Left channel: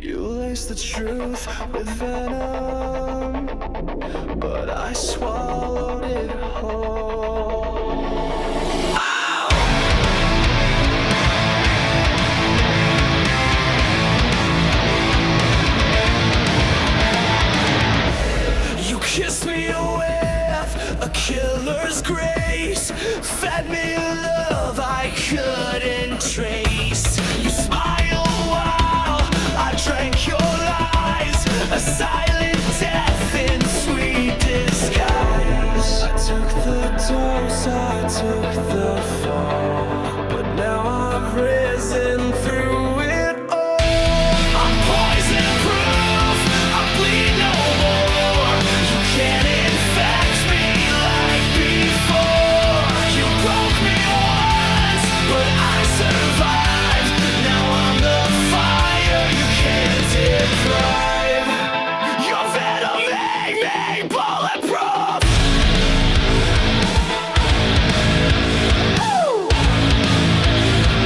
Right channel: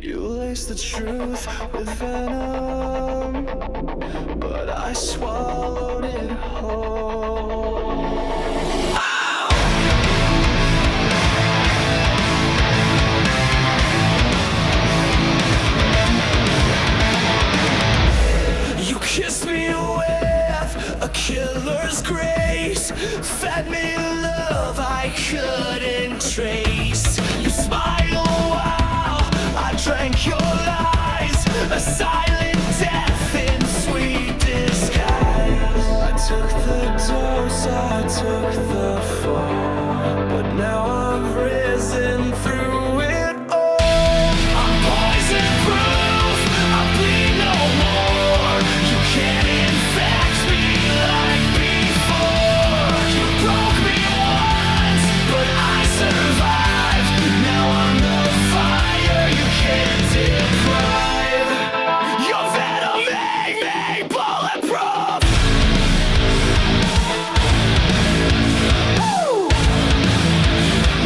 You laced the truth with venom, but I swallowed it whole. You kissed me with a killer's grace, fed me love I couldn't trace. You smiled while I drank your lies, a silent death in sweet disguise. I took the dose, I took the fall, but now I've risen through it all. I'm poison proof, I bleed no more. You can't infect me like before. You broke me once, but I survived. Now I'm the fire you can't deprive. Your venom made me bulletproof. Woo!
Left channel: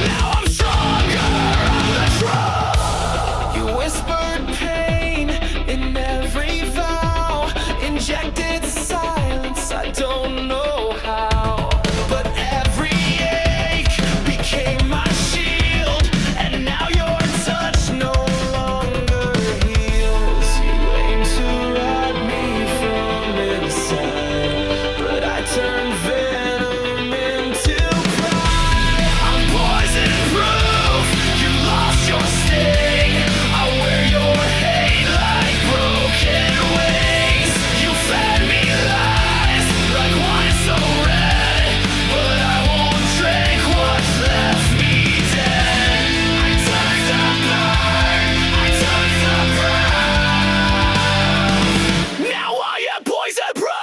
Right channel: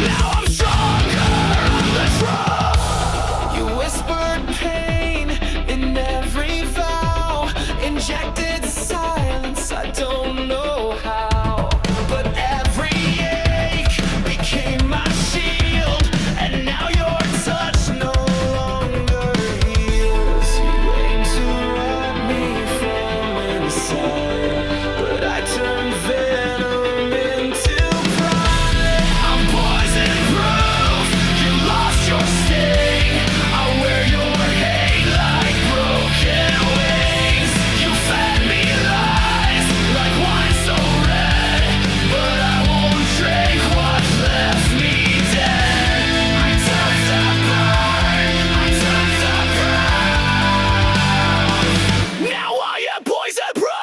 Now I'm stronger, I'm the truth. You whispered pain in every vow, injected silence, I don't know how. But every ache became my shield, and now your touch no longer heals. You aim to rot me from inside, but I turned venom into pride. I'm poison proof, you lost your sting. I wear your hate like broken wings. You fed me lies like wine so red, but I won't drink what left me dead. I took the burn, I took the brown. Now I am poison proof.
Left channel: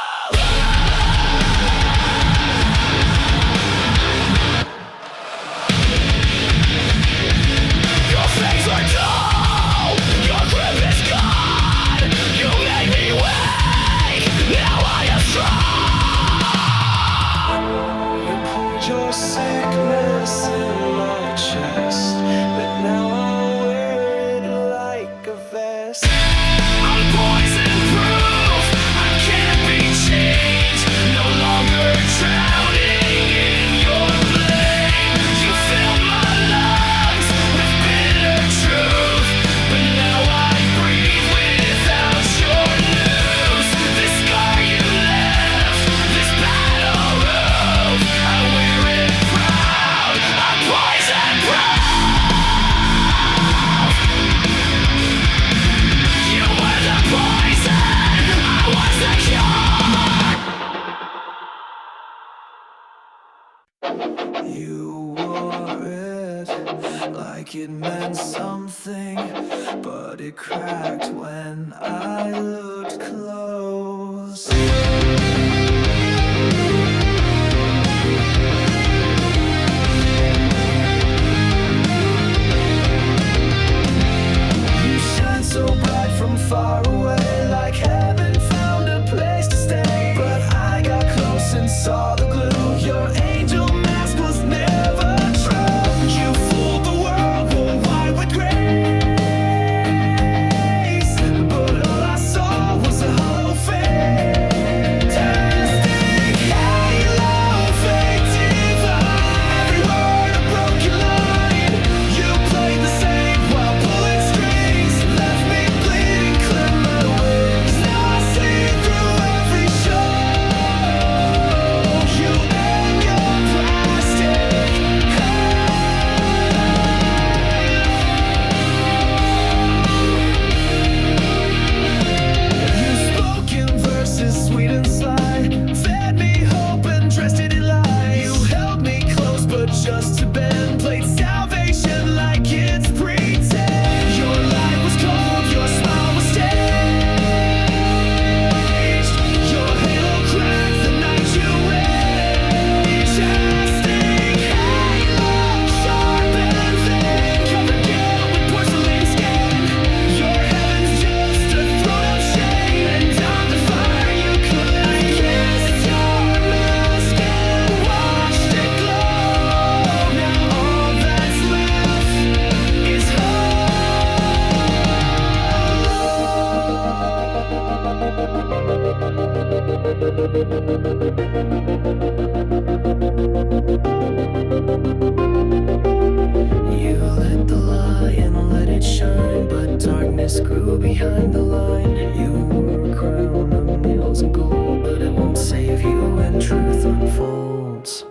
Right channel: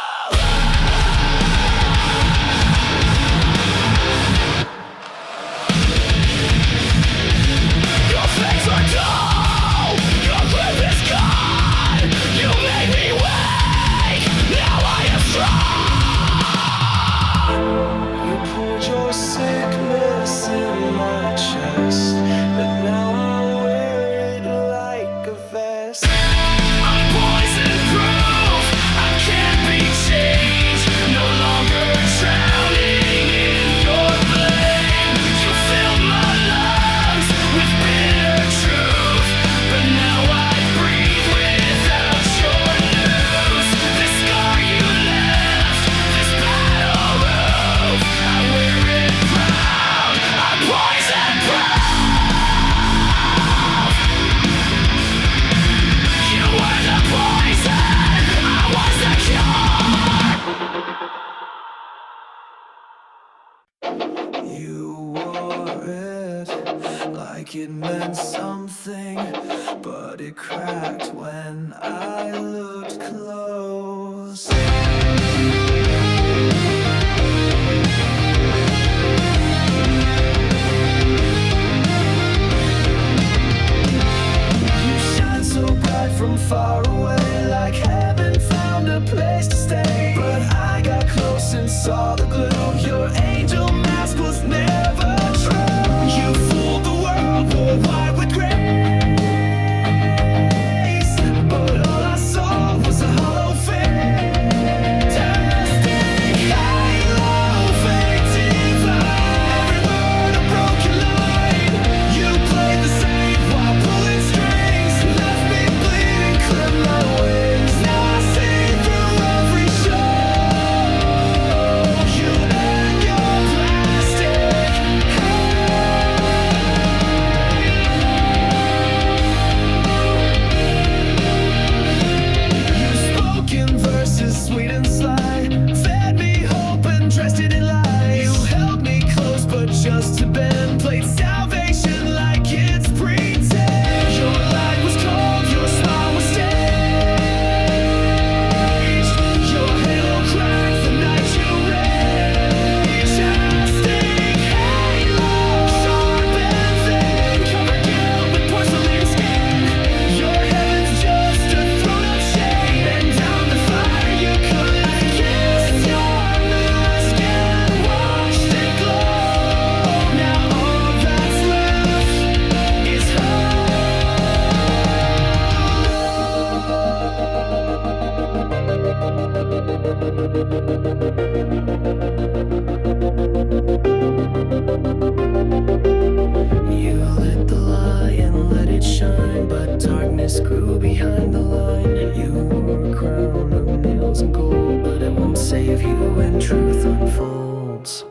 Your fangs are dull, your grip is gone. You made me weak, now I am strong. You poured your sickness in my chest, but now I wear it like a vest. I'm poison proof, I can't be changed. No longer drowning in your blame. You filled my lungs with bitter truth, but now I breathe without your news. This scar you left, this battle roof, I wear it proud. I'm poison proof. You were the poison, I was the cure. You wore it like it meant something, but it cracked when I looked close. You shine so bright from far away, like heaven found a place to stay. But I got close and saw the glue. Your angel mask was never true. You fooled the world, wore white with grace, but all I saw was a hollow face. shine, but darkness grew behind the line. You wore a crown of nails and gold, but it won't save you when truth unfolds.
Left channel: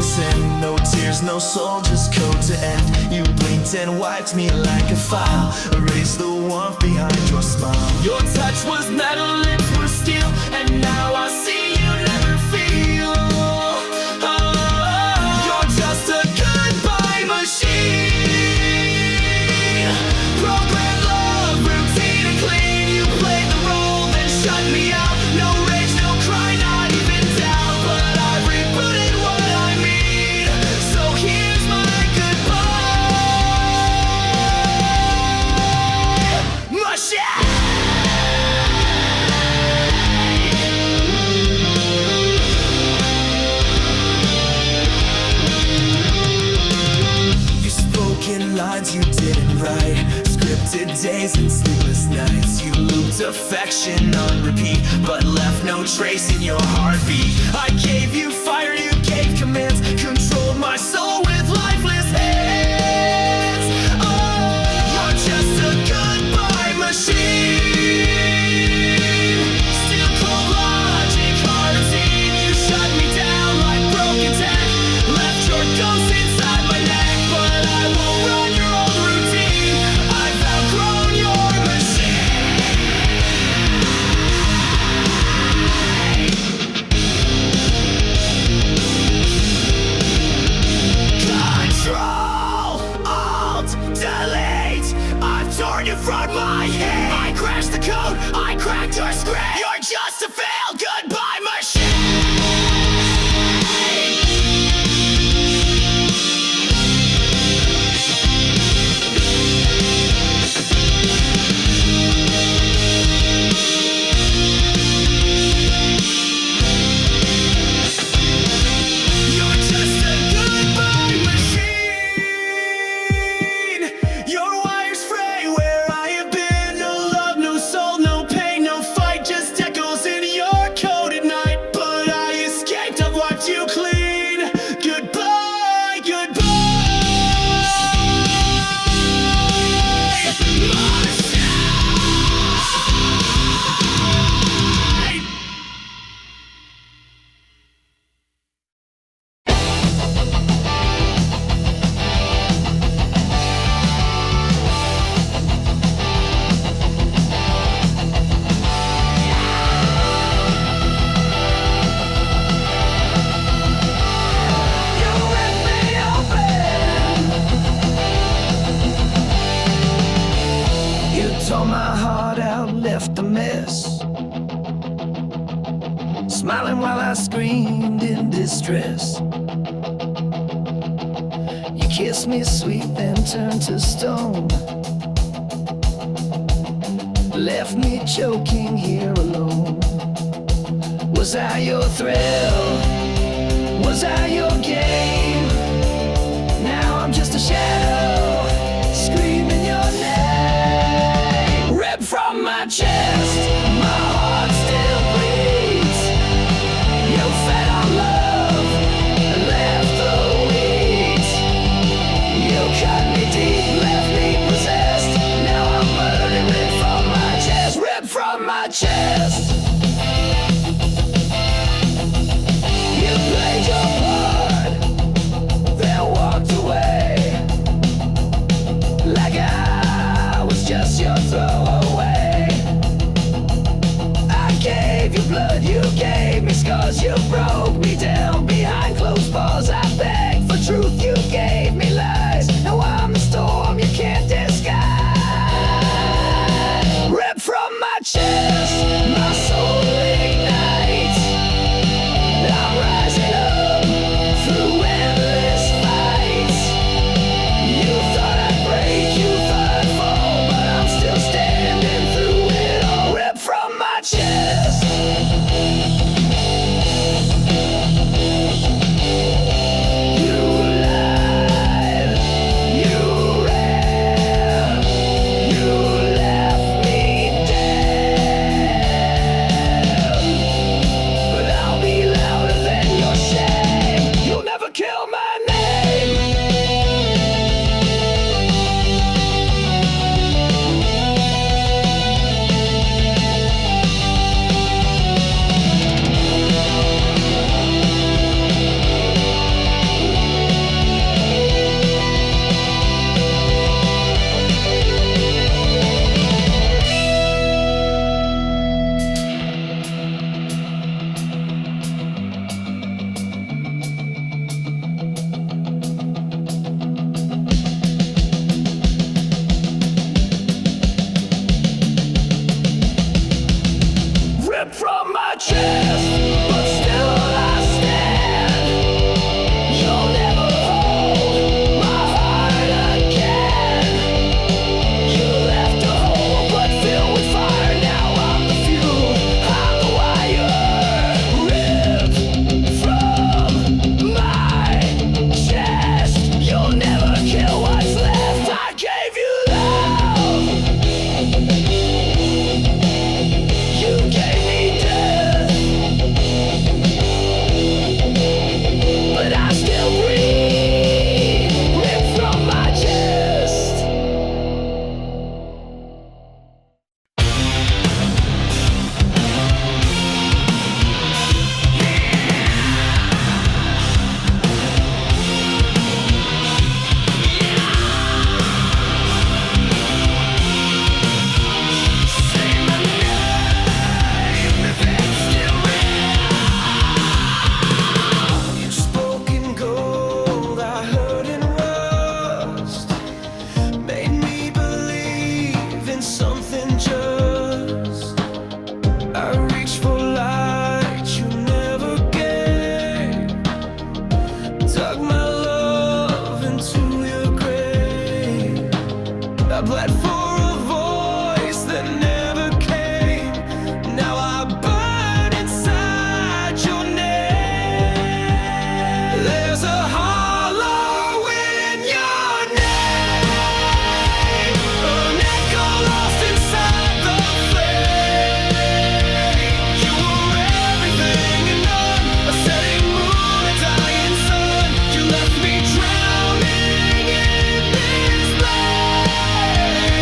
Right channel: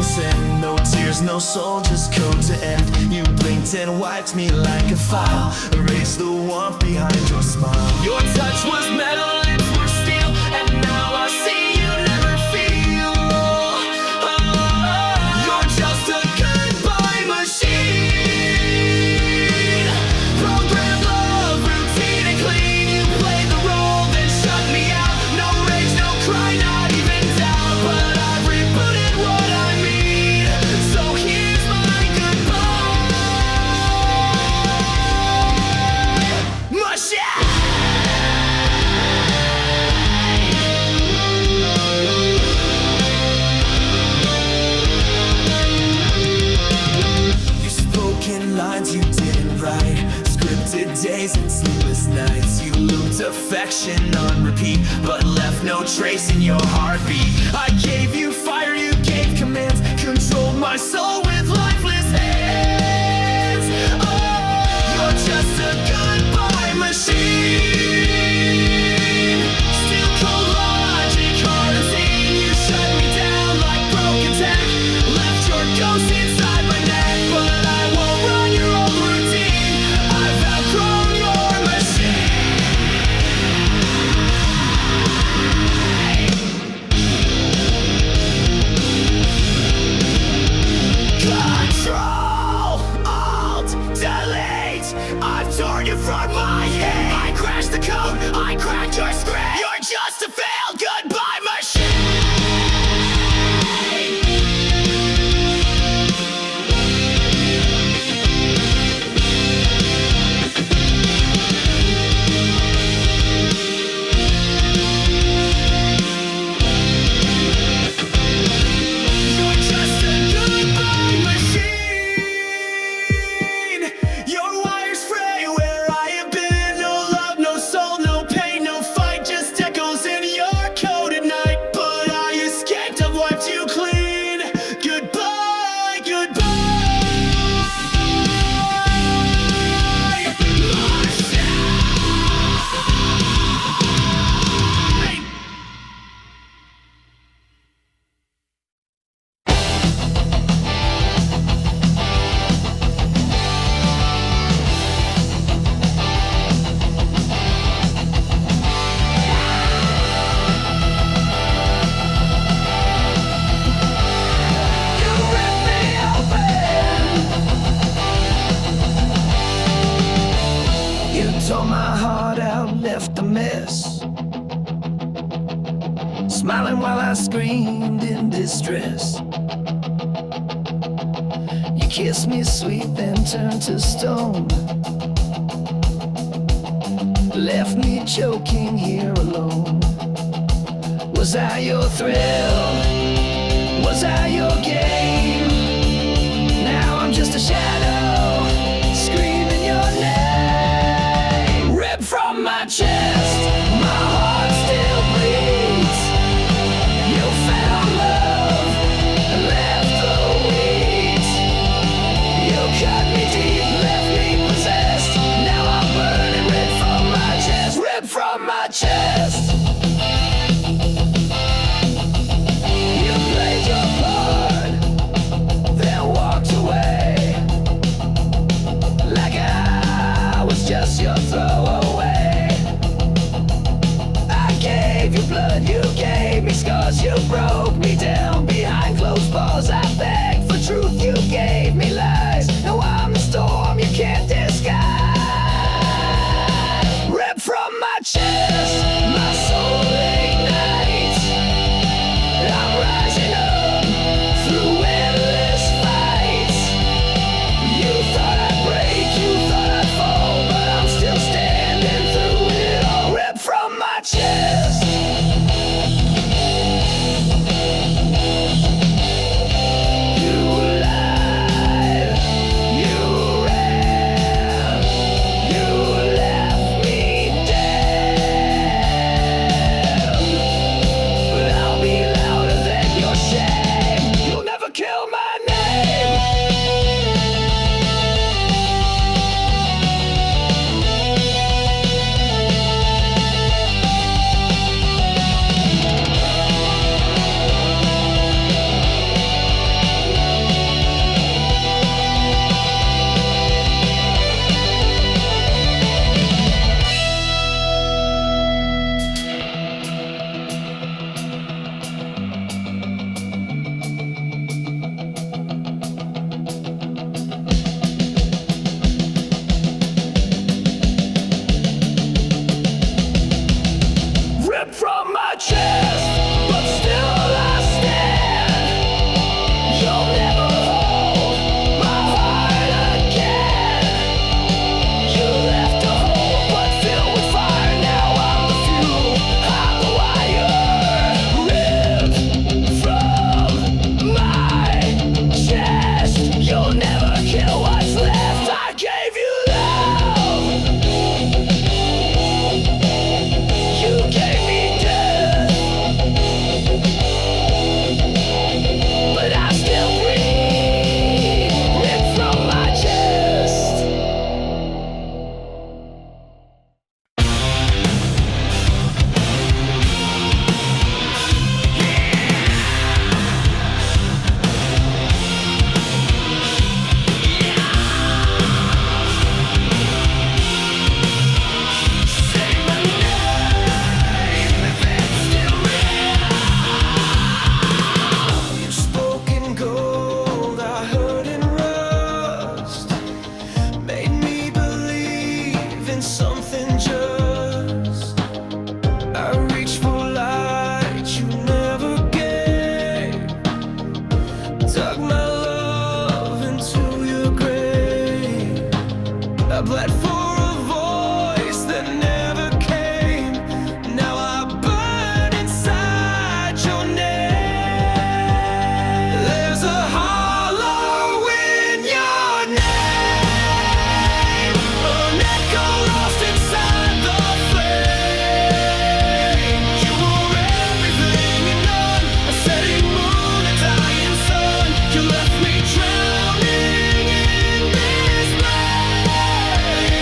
Sin, no tears, no soul, just code to end. You blinked and wiped me like a file, erased the warmth behind your smile. Your touch was metal, lips were steel, and now I see you never feel. Oh, you're just a goodbye machine. Programmed love, routine and clean. You played the role, then shut me out. No rage, no cry, not even doubt, but I've rebooted what I mean. Here's my goodbye machine. You spoke in lines you didn't write, scripted days and sleepless nights. You looped affection on repeat, but left no trace in your heartbeat. I gave you fire, you gave commands, controlled my soul with lifeless hands. Oh, you're just a goodbye machine. Still cold logic, hard unseen. You shut me down like broken tech, left your ghost inside my neck, but I won't run your old routine. I've outgrown your machine. Control, Alt, Delete. I've torn you from my head. I crashed the code, I cracked your screen. You're just a failed goodbye machine. Just echoes in your code at night, but I escaped, I've wiped you clean. Goodbye, goodbye, machine. Tore my heart out, left a mess, smiling while I screamed in distress. You kissed me sweet, then turned to stone, left me choking here alone. Was I your thrill? Was I your game? Now I'm just a shadow, screaming your name. Ripped from my chest, my heart still bleeds. You fed on love and left the weeds. my chest. You played your part, then walked away, like I was just your throwaway. I gave you blood, you gave me scars, you broke me down behind closed bars. I begged for truth, you gave me lies. Now I'm the storm you can't disguise. Ripped from my chest, my soul ignites. I'm rising up through endless fights. You thought I'd break, you thought I'd fall, but I'm still standing through it all. Ripped from my chest. You lied, you ran, you left me dead. But I'll be louder than your shame. You'll never kill my name. Ripped from my chest, but still I stand. You'll never hold my heart again. You left a hole but filled with fire. Now I'm the fuel, I'm the wire. Ripped from my chest. You'll never kill what's left. I gave you love, you gave me death, but I still breathe. Ripped from my chest. Say my name if it's still real. You spoke in gold, I heard in rust. Made me believe in something just. I reached for light you never gave. Dug my love into your grave. I bled for a voice that never came. Now I burn inside your name. There's a hollow in your name, an echo lost inside the flame. You were everything and none, a setting moon, a dying sun. You left me drowning in this blame.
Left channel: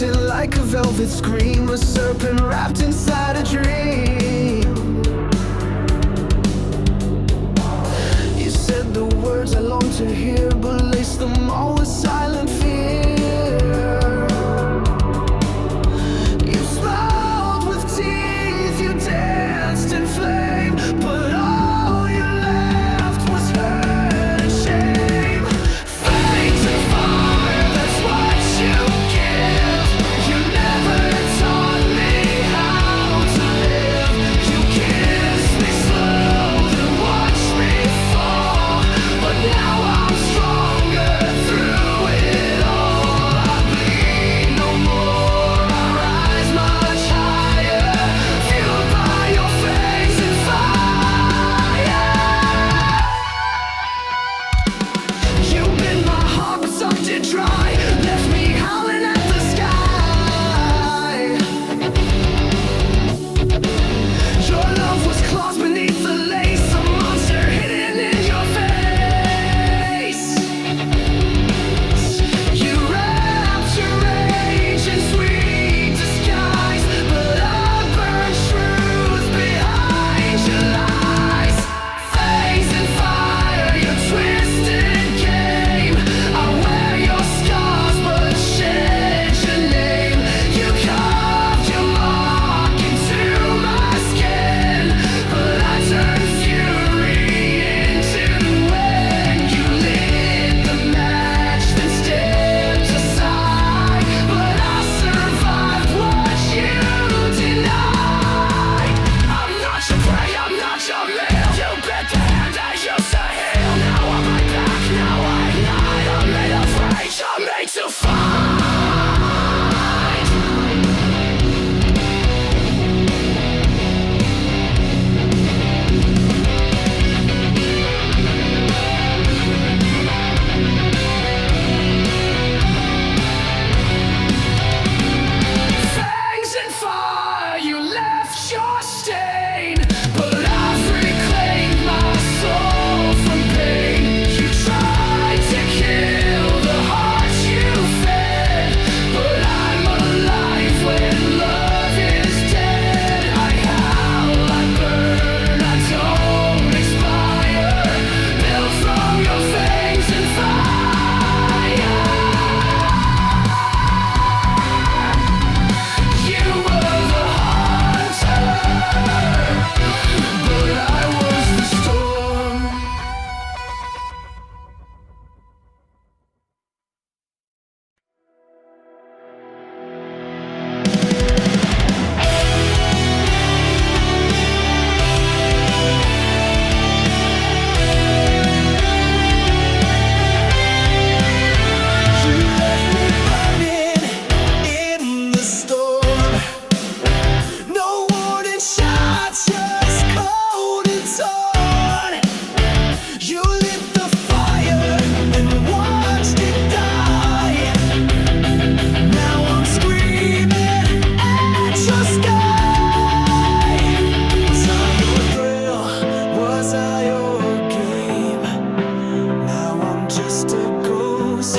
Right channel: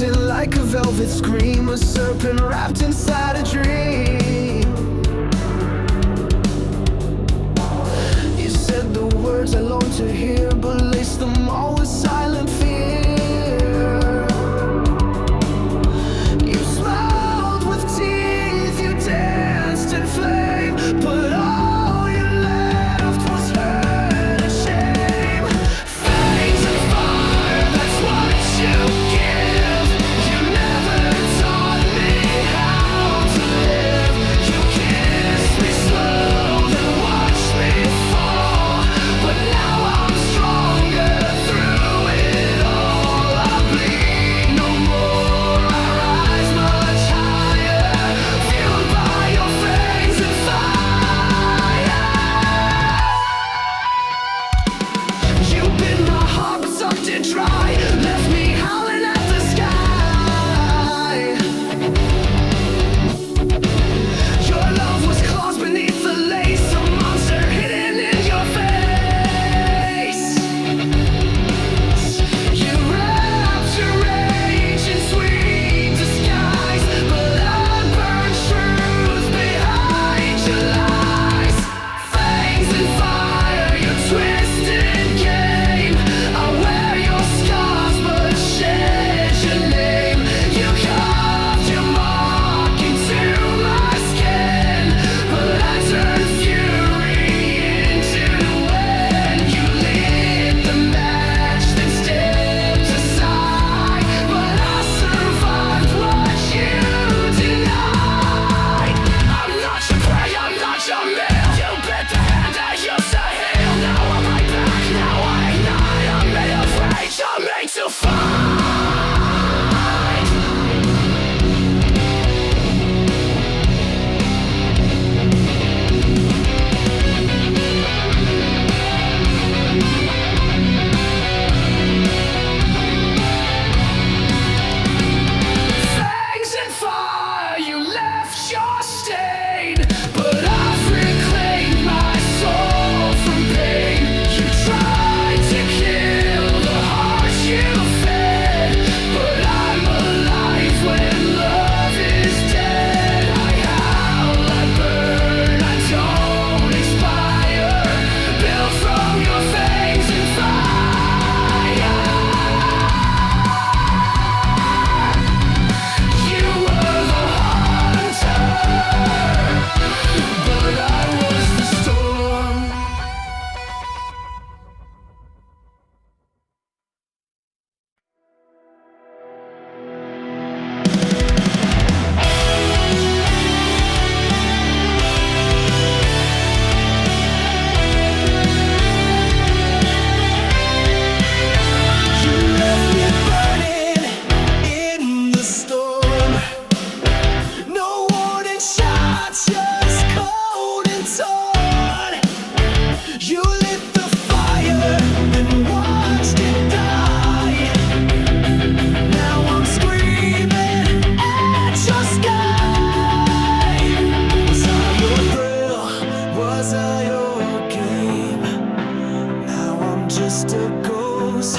haunting like a velvet scream, a serpent wrapped inside a dream. You said the words I long to hear, but laced them all with silent fear. You smiled with teeth, you danced in flame, but all you left was hurt and shame. Fangs and fire, that's what you give. You never taught me how to live. You kissed me slow, then watched me fall, but now I'm stronger through it all. I bleed no more, I rise much higher, fueled by your fangs and fire. You bit my heart but sucked it dry, left me howling at the sky. Your love was claws beneath the lace, a monster hidden in your face. You wrapped your rage in sweet disguise, but I burned truth behind your lies. Fangs and fire, your twisted game. I wear your scars but shed your name. You carved your mark into my skin, but I turned fury into wind. You lit the match, then stepped aside, but I survived what you denied. I'm not your prey, I'm not your meal. You bit the hand that used to heal. Now I'm right back, now I ignite. I'm made of rage, I'm made to fight. Fangs and fire, you left your stain, but I've reclaimed my soul from pain. You tried to kill the heart you fed, but I'm alive when love is dead. I howl, I burn, I don't expire, built from your fangs and fire. You were the hunter, but I was the storm. You left me burning in the storm. No warning shot, just cold and torn. You lit the fire, then watched it die. Now I'm screaming at your sky. Was I your thrill? Was I your game? Now I'm just a ghost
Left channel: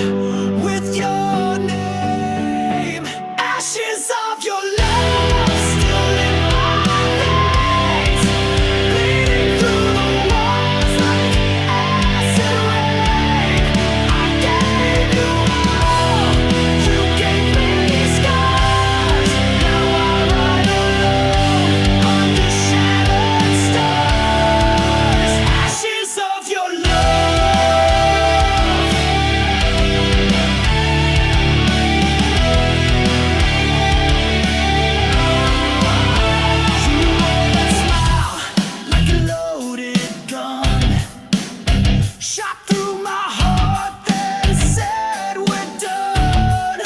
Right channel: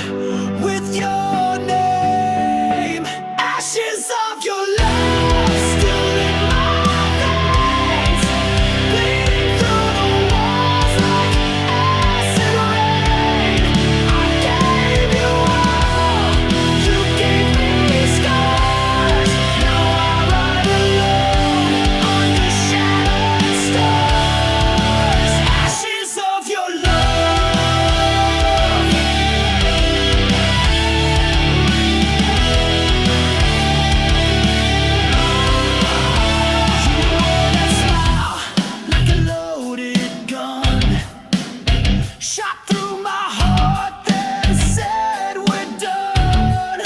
with your name. Ashes of your love still in my veins, bleeding through the walls like acid rain. I gave you all, you gave me scars. Now I ride alone under shattered stars. Ashes of your love. You wore that smile like a loaded gun, shot through my heart, then said we're done.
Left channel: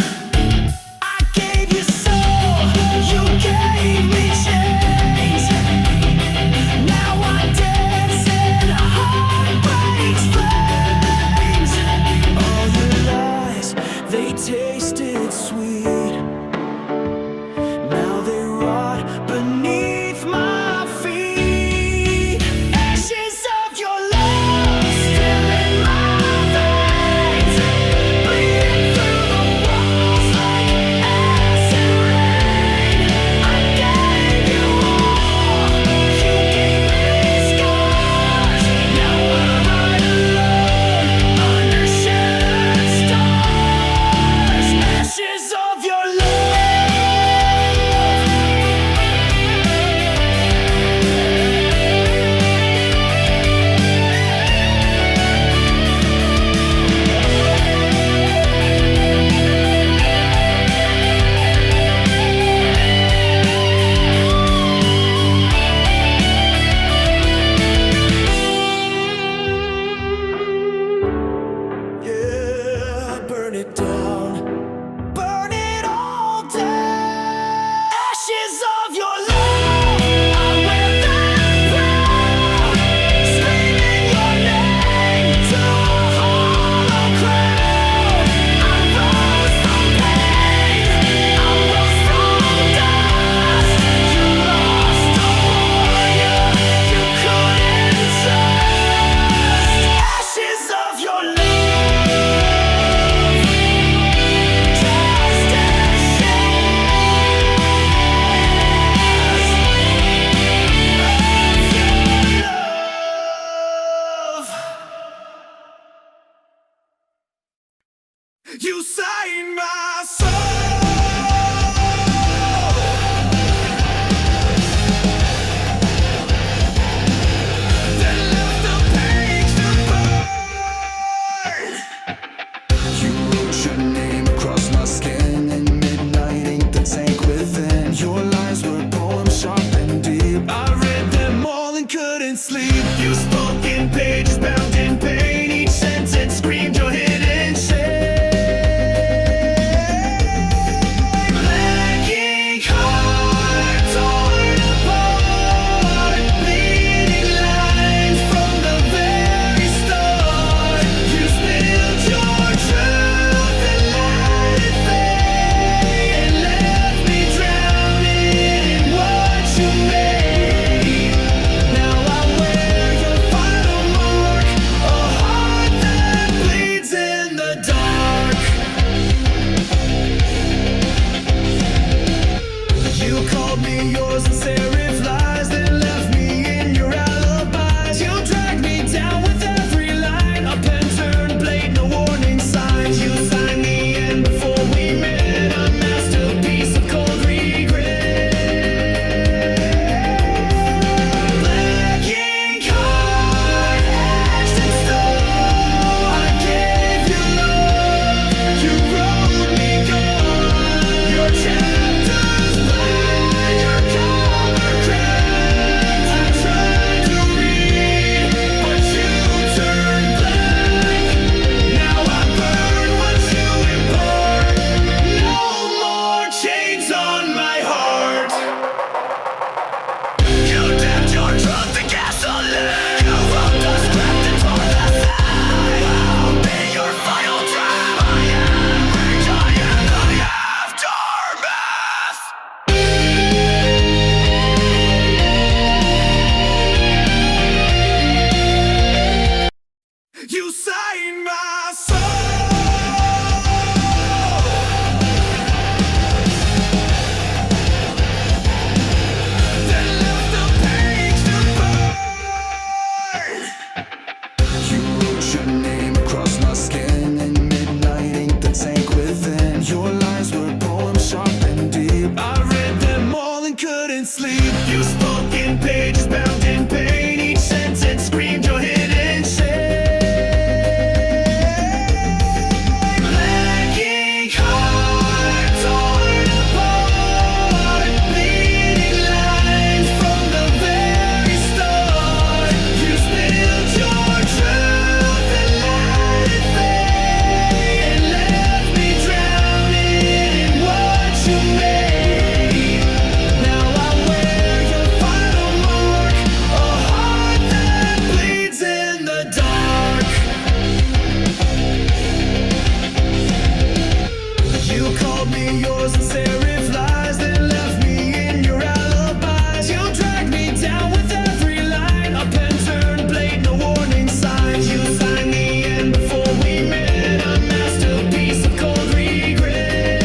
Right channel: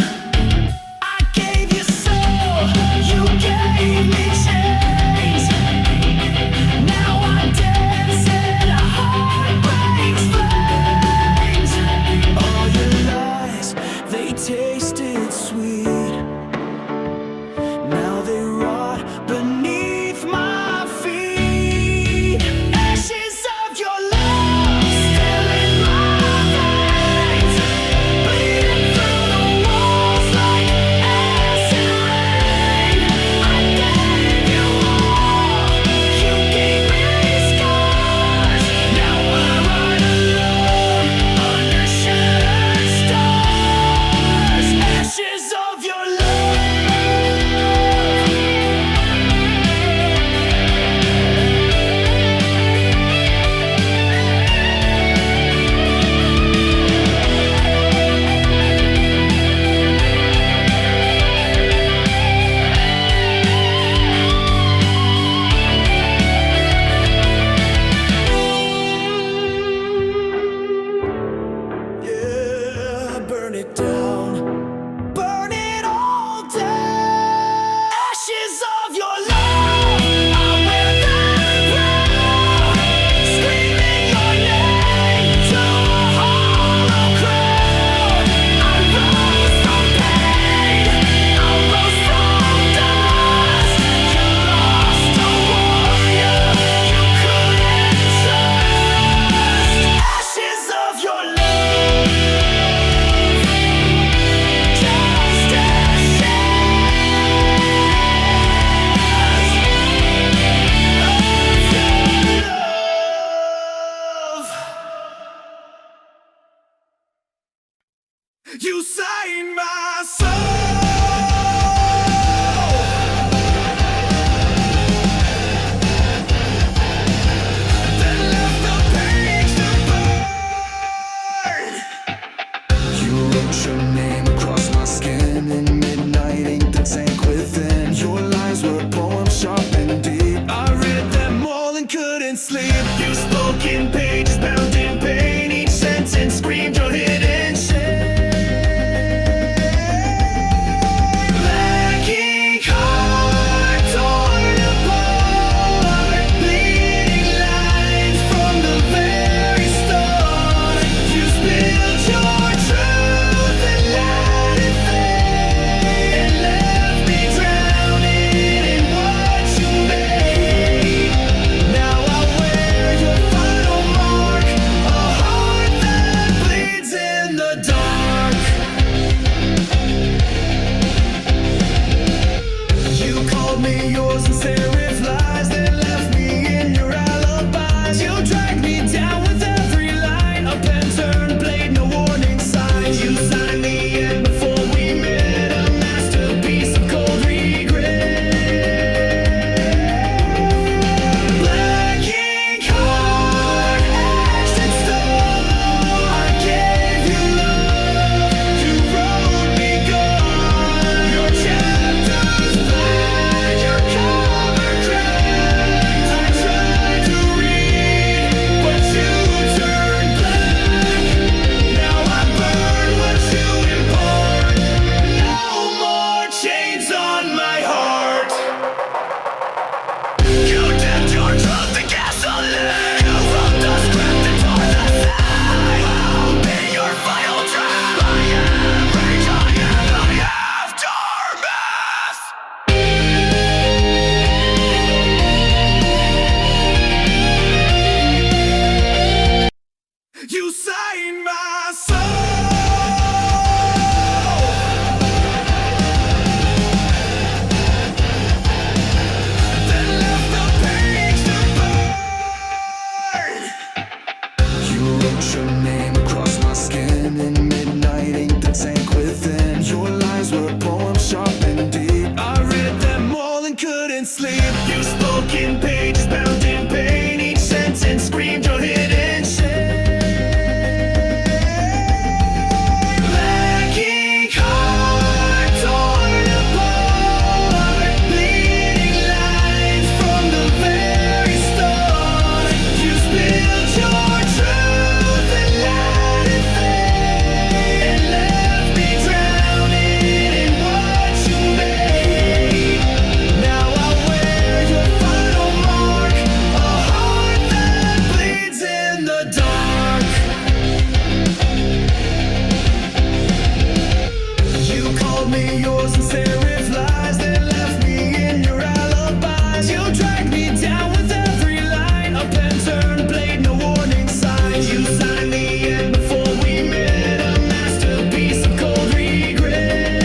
I gave you soul, you gave me chains. Now I dance in heartbreak's flames. All your lies, they tasted sweet. Now they rot beneath my feet. Ashes of your love still in my veins, bleeding through the walls like burn it down. Burn it all down. Ashes of your love, I wear them proud. Screaming your name to a hollow crowd. I rose from pain, I rose from dust. You lost a warrior you couldn't trust. Ashes of your love. You sang my soul, then left the page to burn. You wrote your name across my skin in midnight ink that sank within. Your lines were poems sharp and deep. I read them all and couldn't sleep. You spoke in pages bound in pain. Each sentence screamed your hidden shame. Me yours and serif lies, then left me in your alibis. You dragged me down with every line, a pen turned blade, no warning signs. You signed the end before we met, a masterpiece of cold regret. Black ink heart etched in stone. I gave you love, you wrote me gone. Your chapters cover cracked. I tried to read, but you turned black. Now I burn what you import. No more chains on my heart. You dipped your truth in gasoline. You wrote the script and tore the side. I'll be your final draft. I am rage, I am the aftermath. You sang my soul, then left the page to burn. You wrote your name across my skin in midnight ink that sank within. Your lines were poems sharp and deep. I read them all and couldn't sleep. You spoke in pages bound in pain. Each sentence screamed your hidden shame. Me yours and serif lies, then left me in your alibis. You dragged me down with every line, a pen turned blade, no warning signs. You signed the end before we met, a masterpiece of cold regret.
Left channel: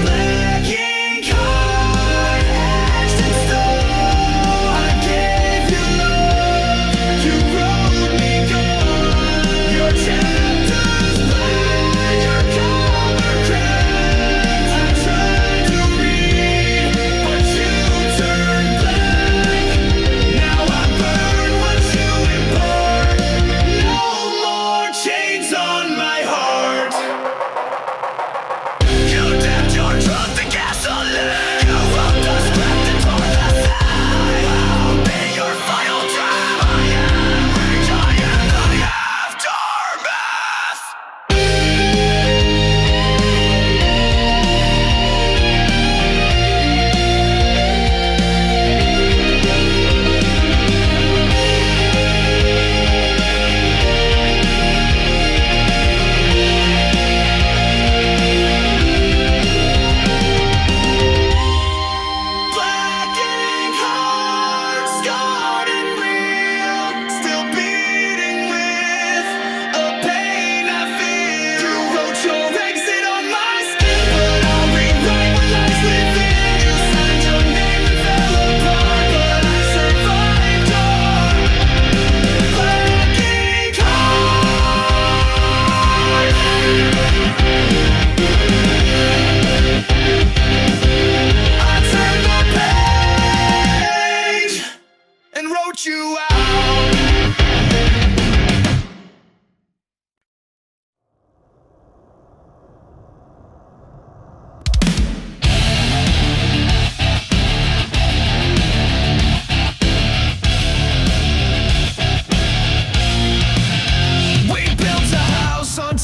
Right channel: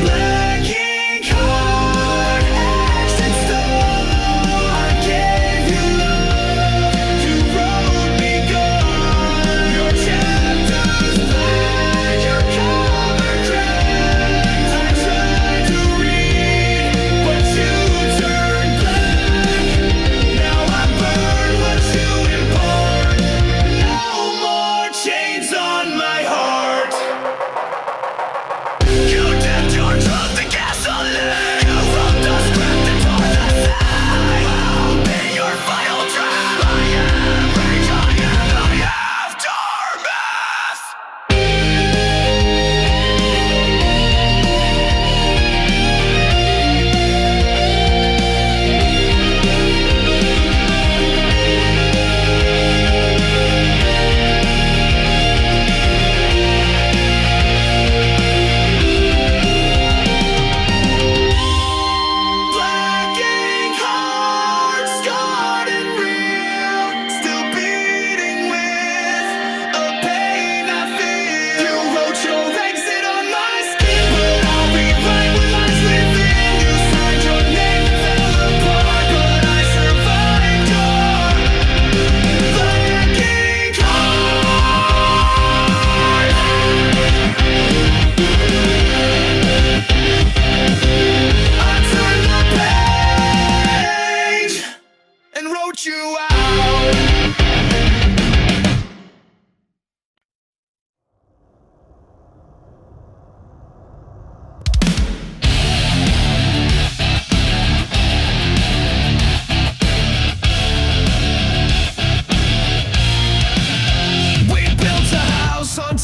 Black ink heart etched in stone. I gave you love, you wrote me gone. Your chapters cover cracked. I tried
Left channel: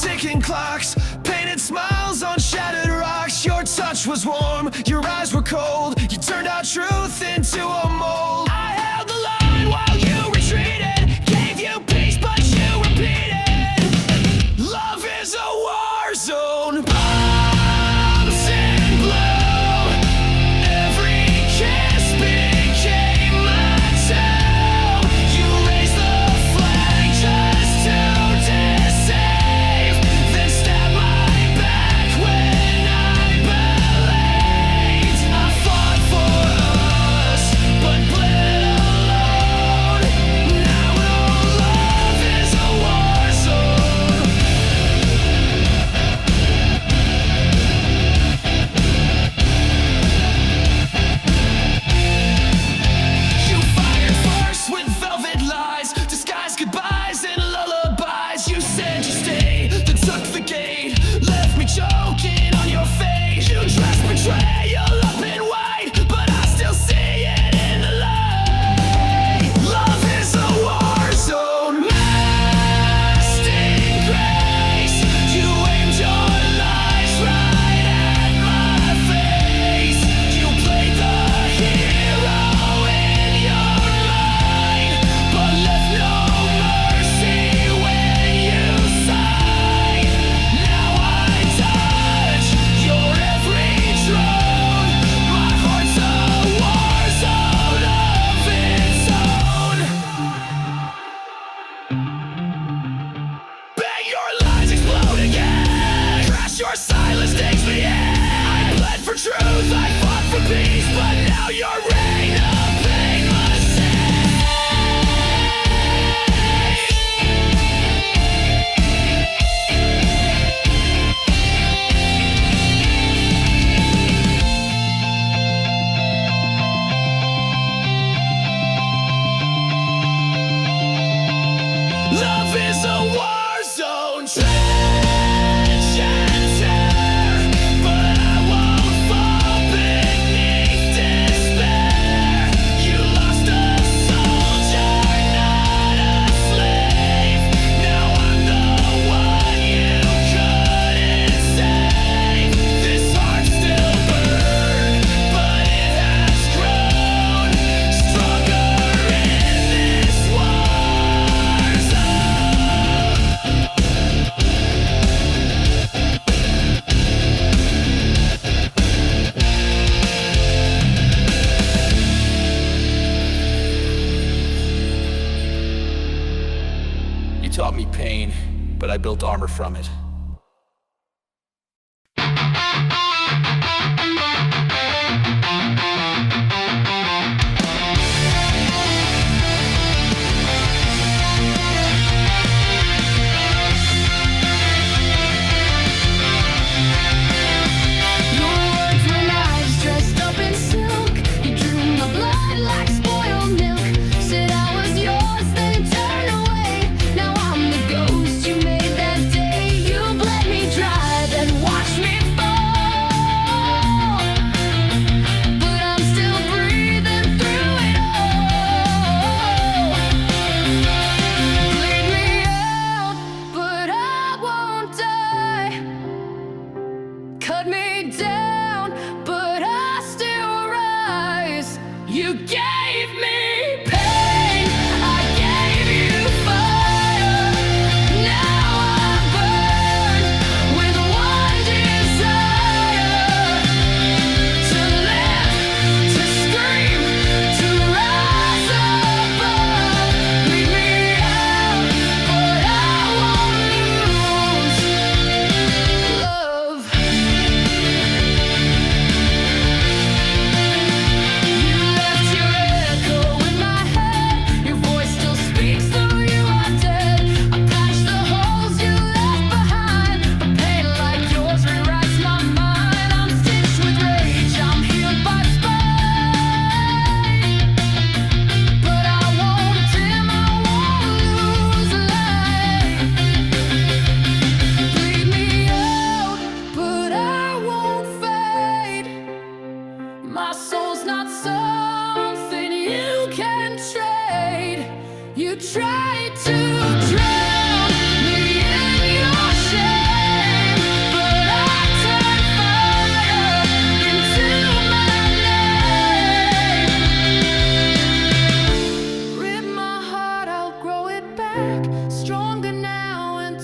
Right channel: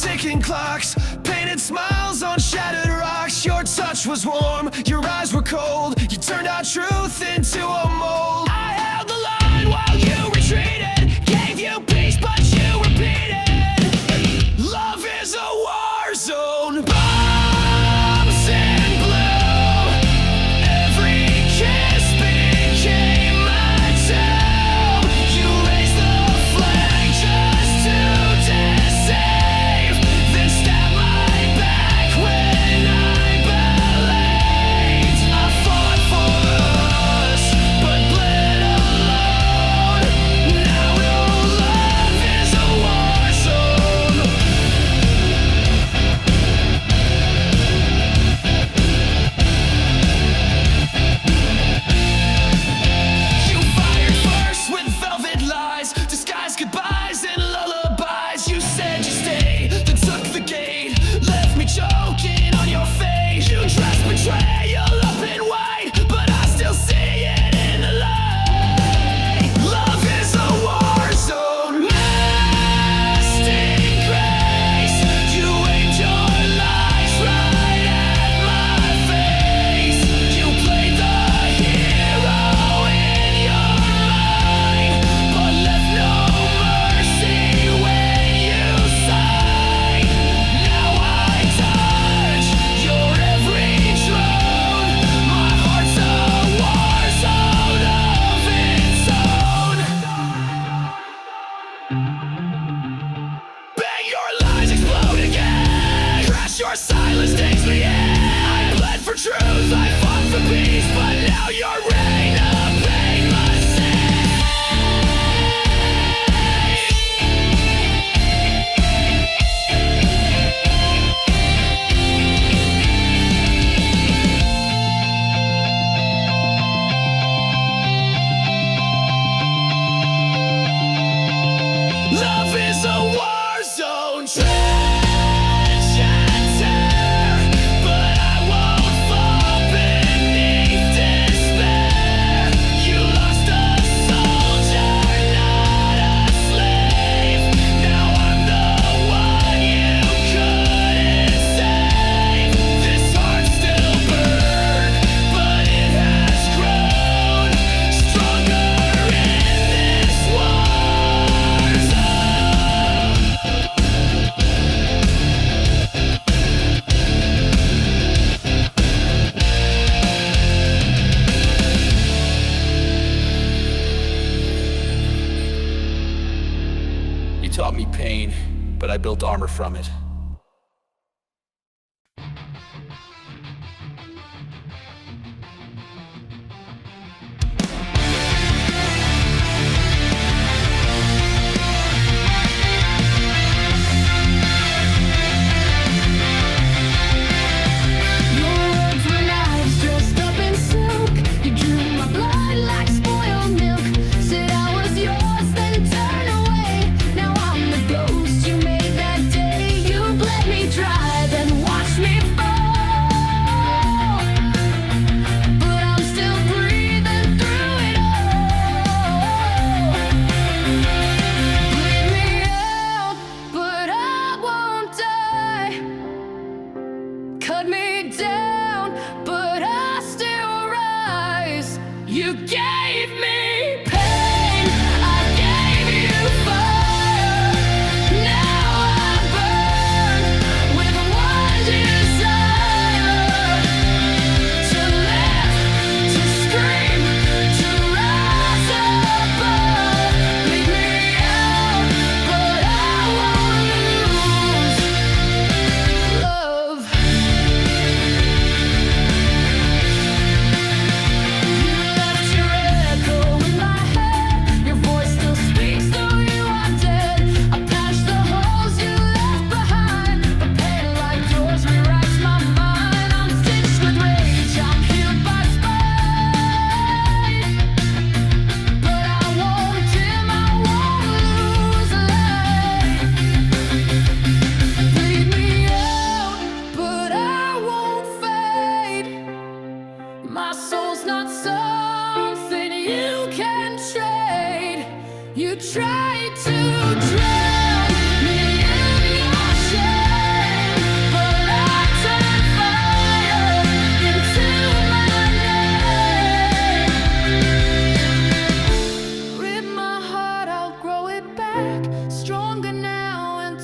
ticking clocks, painted smiles on shattered rocks. Your touch was warm, your eyes were cold. You turned our truth into a mold. I held the line while you retreated, gave you peace but you repeated. Love is a war zone. Bombs in blue. Every kiss became my tomb. You raised the flag just to deceive, then stabbed my back when I believed. I fought for us, but bled alone. Now no love is a war zone. You fired first with velvet lies, disguised goodbyes and lullabies. You said you stay, then took the gate, left me choking on your face. You dressed betrayal up in white, but I still see it in the light. Love is a war zone. Lasting grace. You aimed your lies right at my face. You played the hero in your mind, but left no mercy when you sighed. Now I touch your every drone. My heart's a war zone of its own. Bang, your lies explode again. Crash, your silence takes me in. I bled for truth, I fought for peace, but now your reign of pain must cease. Love is a war zone. Trench and tear, but I won't fall beneath despair. You lost a soldier, not a slave. Now I'm the one you couldn't save. This heart still burned, but it has grown stronger in this war zone. You taught me pain, but I built armor from it. Your words were knives dressed up in silk. You drew my blood like spoiled milk. Said I was yours, then turned away. Now I'm the ghost you made that day. You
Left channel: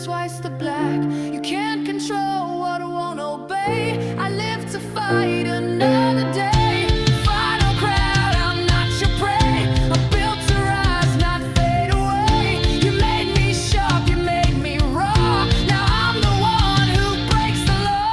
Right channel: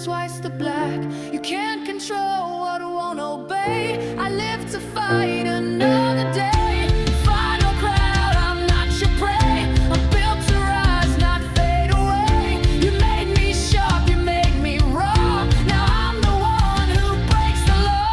twice the black. You can't control what I won't obey. I live to fight another day. Final crowd, I'm not your prey. I'm built to rise, not fade away. You made me sharp, you made me raw. Now I'm the one who breaks the law.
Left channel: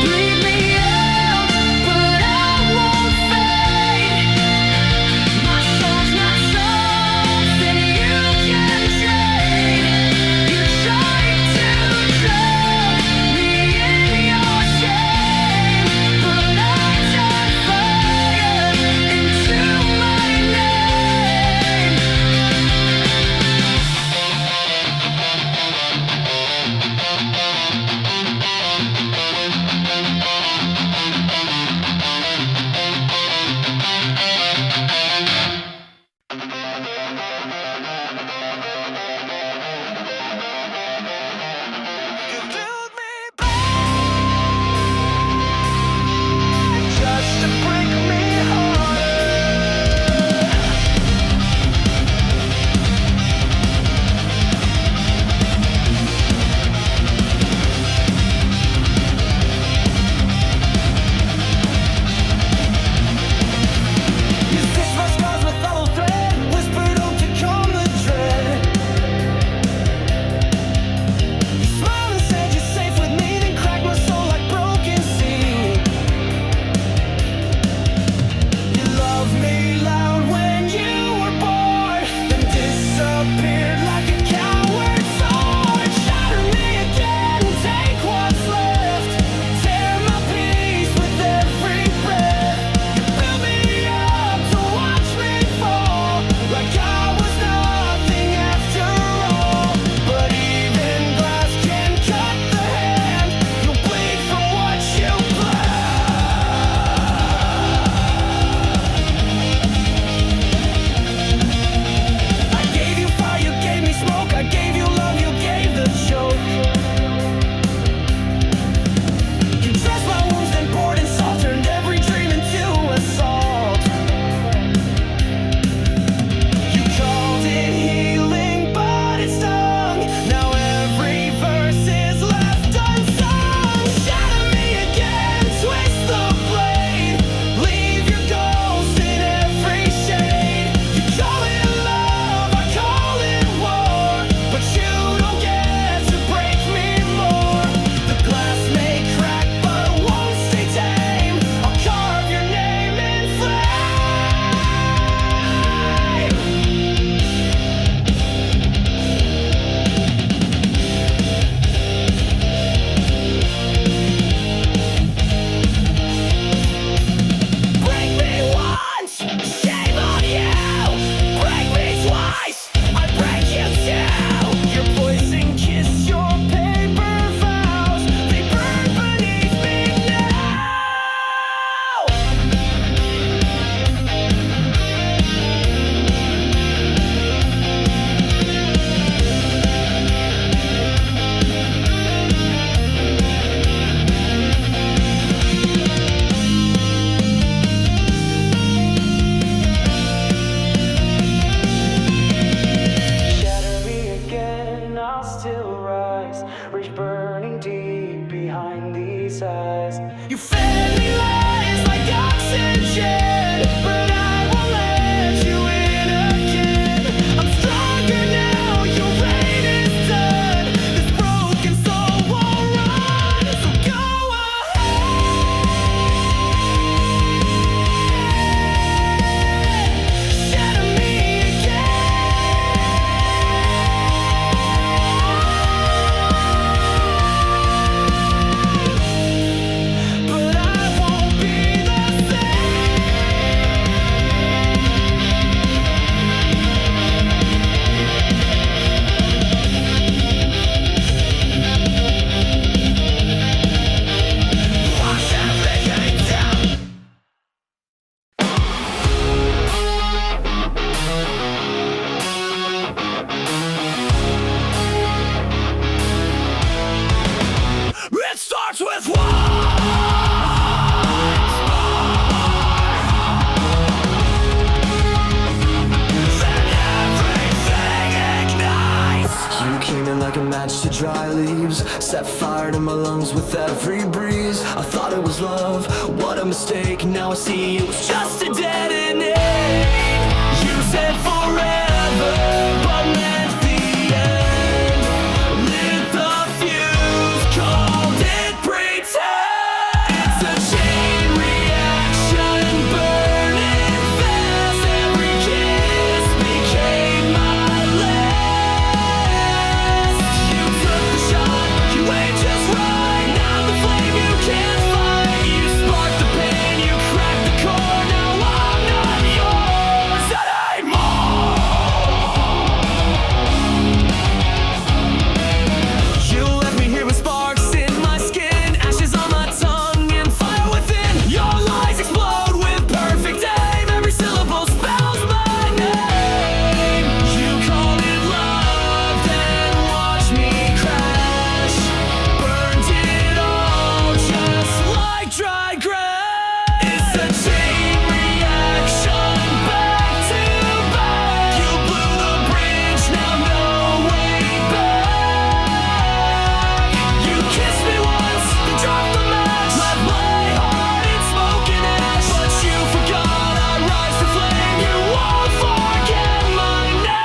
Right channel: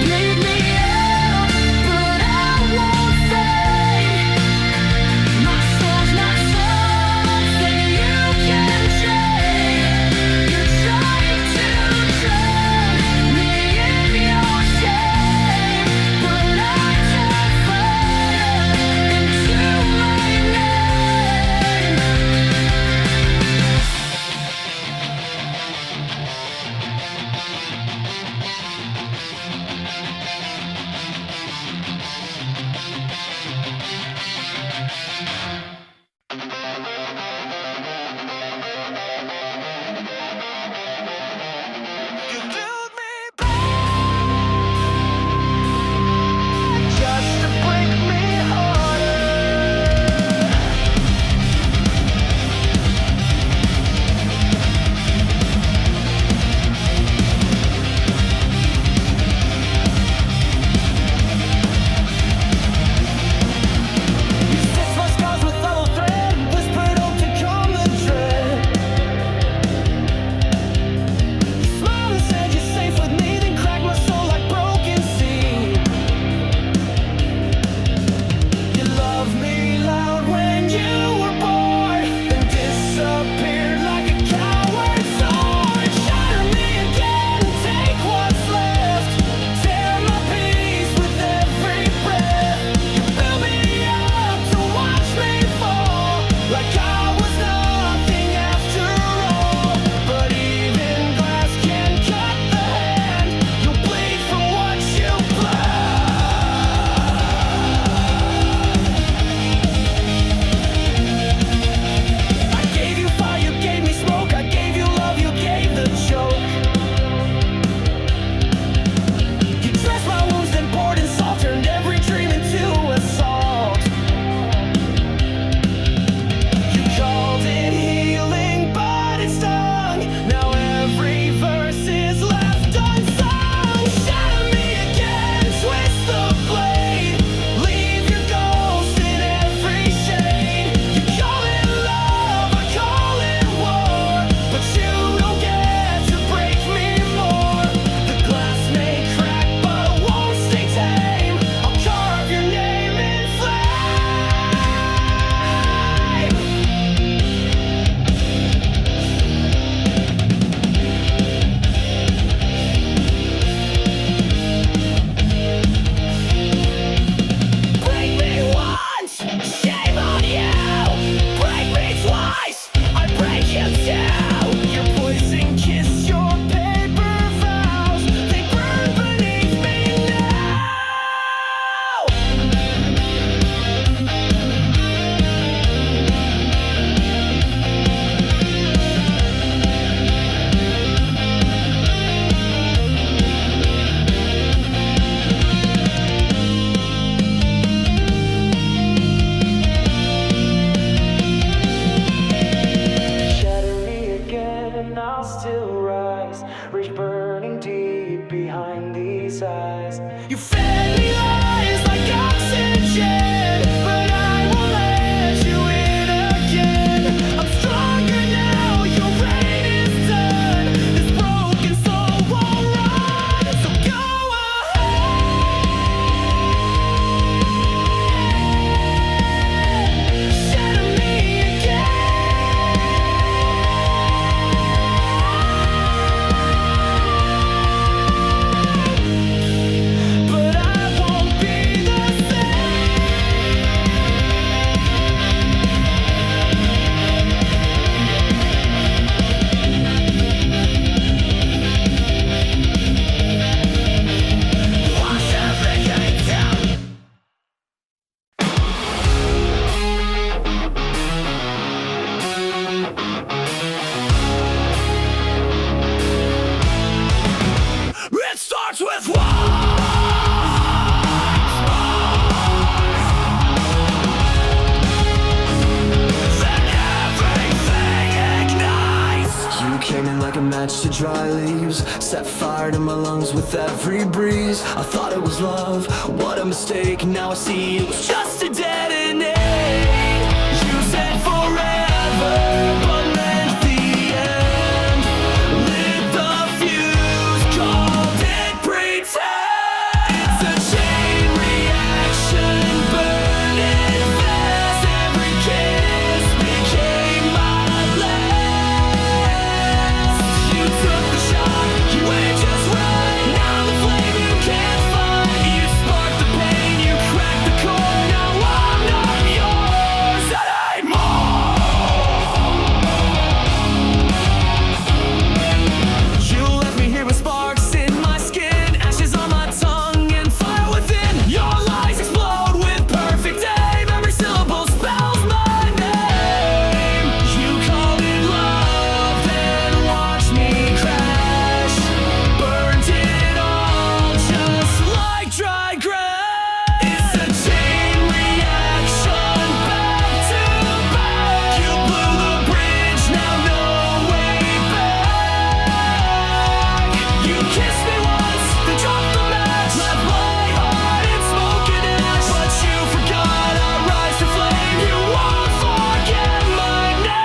Bleed me out, but I won't fade. My soul's not something you can trade. You tried to drown me in your shame, but I turned fire into my name. You build me back just to break me harder. You stitched my scars with hollow thread, whispered hope to calm the dread. You smiled and said you're safe with me, then cracked my soul like broken seed. You loved me loud when you were born, then disappeared like a coward sword. Shatter me again, take what's left, tear my peace with every breath. You built me up to watch me fall, like I was nothing after all. But even glass can cut the hand, you'll bleed from what you I gave you fire, you gave me smoke. I gave you love, you gave the choke. You dressed my wounds, then poured in salt, turned every dream into assault. You called it healing, but it stung. Now every verse is left unsung. Shatter me again, twist the blade, leave your ghost in every shade. You call it love, I call it war, but you don't get to break me more. The glass may crack, but it won't stay tame. I'll carve your name in flame. Break me once, shame on you. Break me twice, I break you too. Your poison kiss, your paper vows, they burn beneath me now. Shatter me again, I'll still rise, reach burning deep behind these eyes. You fed me lies like oxygen, but I won't let you in again. I'm stronger now, your reign is done. This broken soul won't run, so go ahead. Shatter me again, but I won't be match to dry leaves, set fire to my lungs with every breeze. I thought it was love, what a mistake. Now I see it was just a detonate. You said forever, but meant the end. Lit the fuse, called it pretend. It's a chain reaction, burning fast. Every kiss became my last. You took the shot, you aimed just right. Now the flame you can't fight. You sparked the pain, you cracked the core. Now I'm not yours anymore. You left me here with sparks in my skin, ashes on my tongue, and fire within. Your lies explode with perfect aim. Every syllable spells my name. You called it love, then watched me crash. Burned it all just like dry grass. It's a chain reaction, back to back. You blew the bridge, now no way back. You kissed me once, then dropped the match. Left my heart in smoke and ash. But you forgot I rise to flame. You won't forget my name.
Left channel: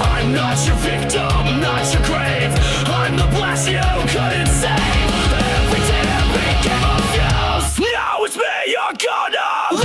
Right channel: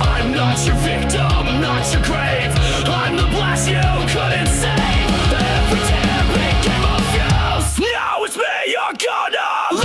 I'm not your victim, not your grave. I'm the blast you couldn't save. Every tear became a fuse. Now it's me you're gonna lose.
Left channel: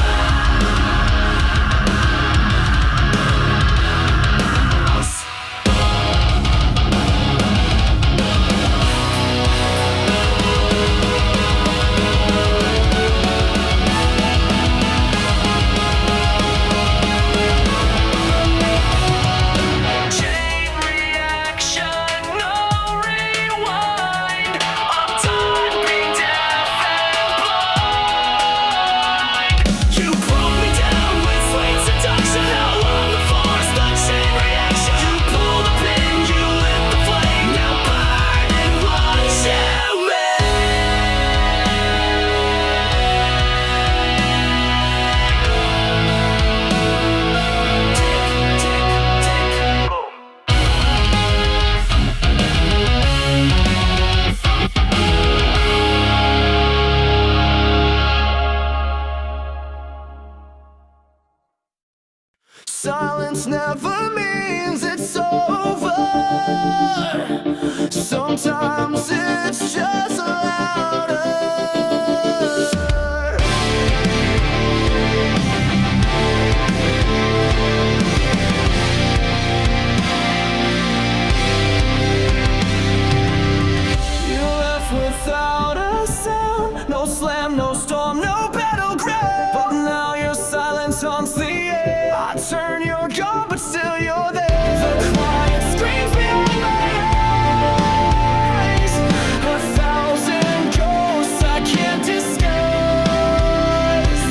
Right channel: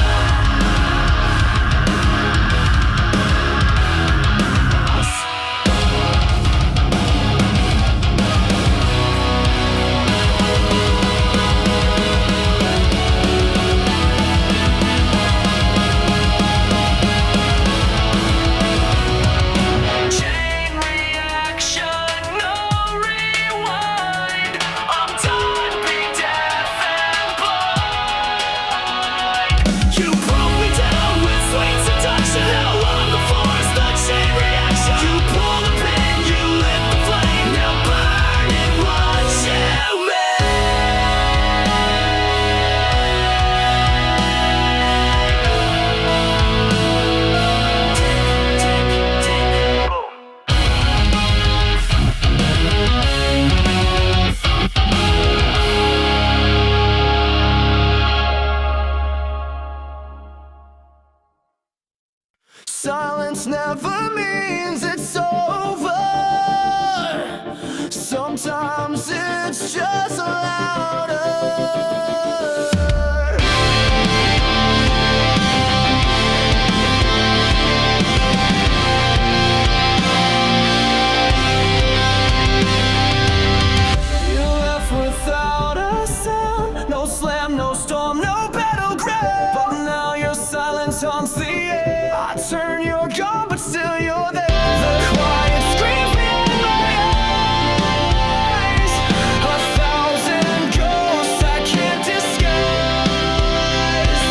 Chain reaction, no rewind. I'm done being deaf and blind. You broke me down with sweet seduction. Now I'm the force, the chain reaction. You pull the pin, you lit the flame. Now burn and watch you Tick, tick, tick, boom. Silence never means it's over. Sometimes it's just louder. You left without a sound. No slam, no storm, no battleground. But now your silence haunts the air. I turn, you're gone, but still you're there. The quiet screams behind my eyes. 1,000 ghosts I can't disguise.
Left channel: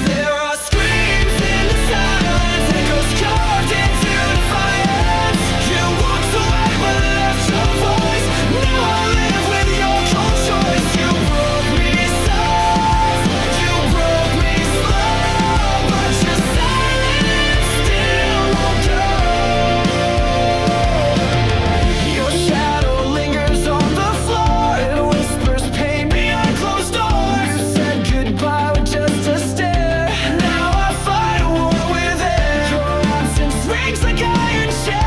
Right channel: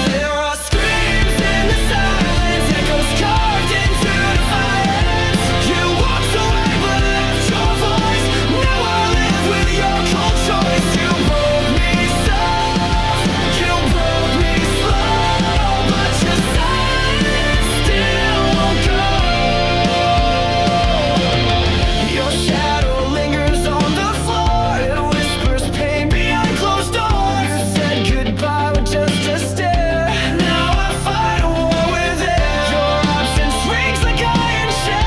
There are screams in the silence, echoes carved into defiance. You walked away but left your voice. Now I live with your cold choice. You broke me soft, you broke me slow, but your silence still won't go. Your shadow lingers on the floor. It whispers pain behind closed doors. You said goodbye with just a stare. Now I fight a war with air. Your absence rings like iron chains,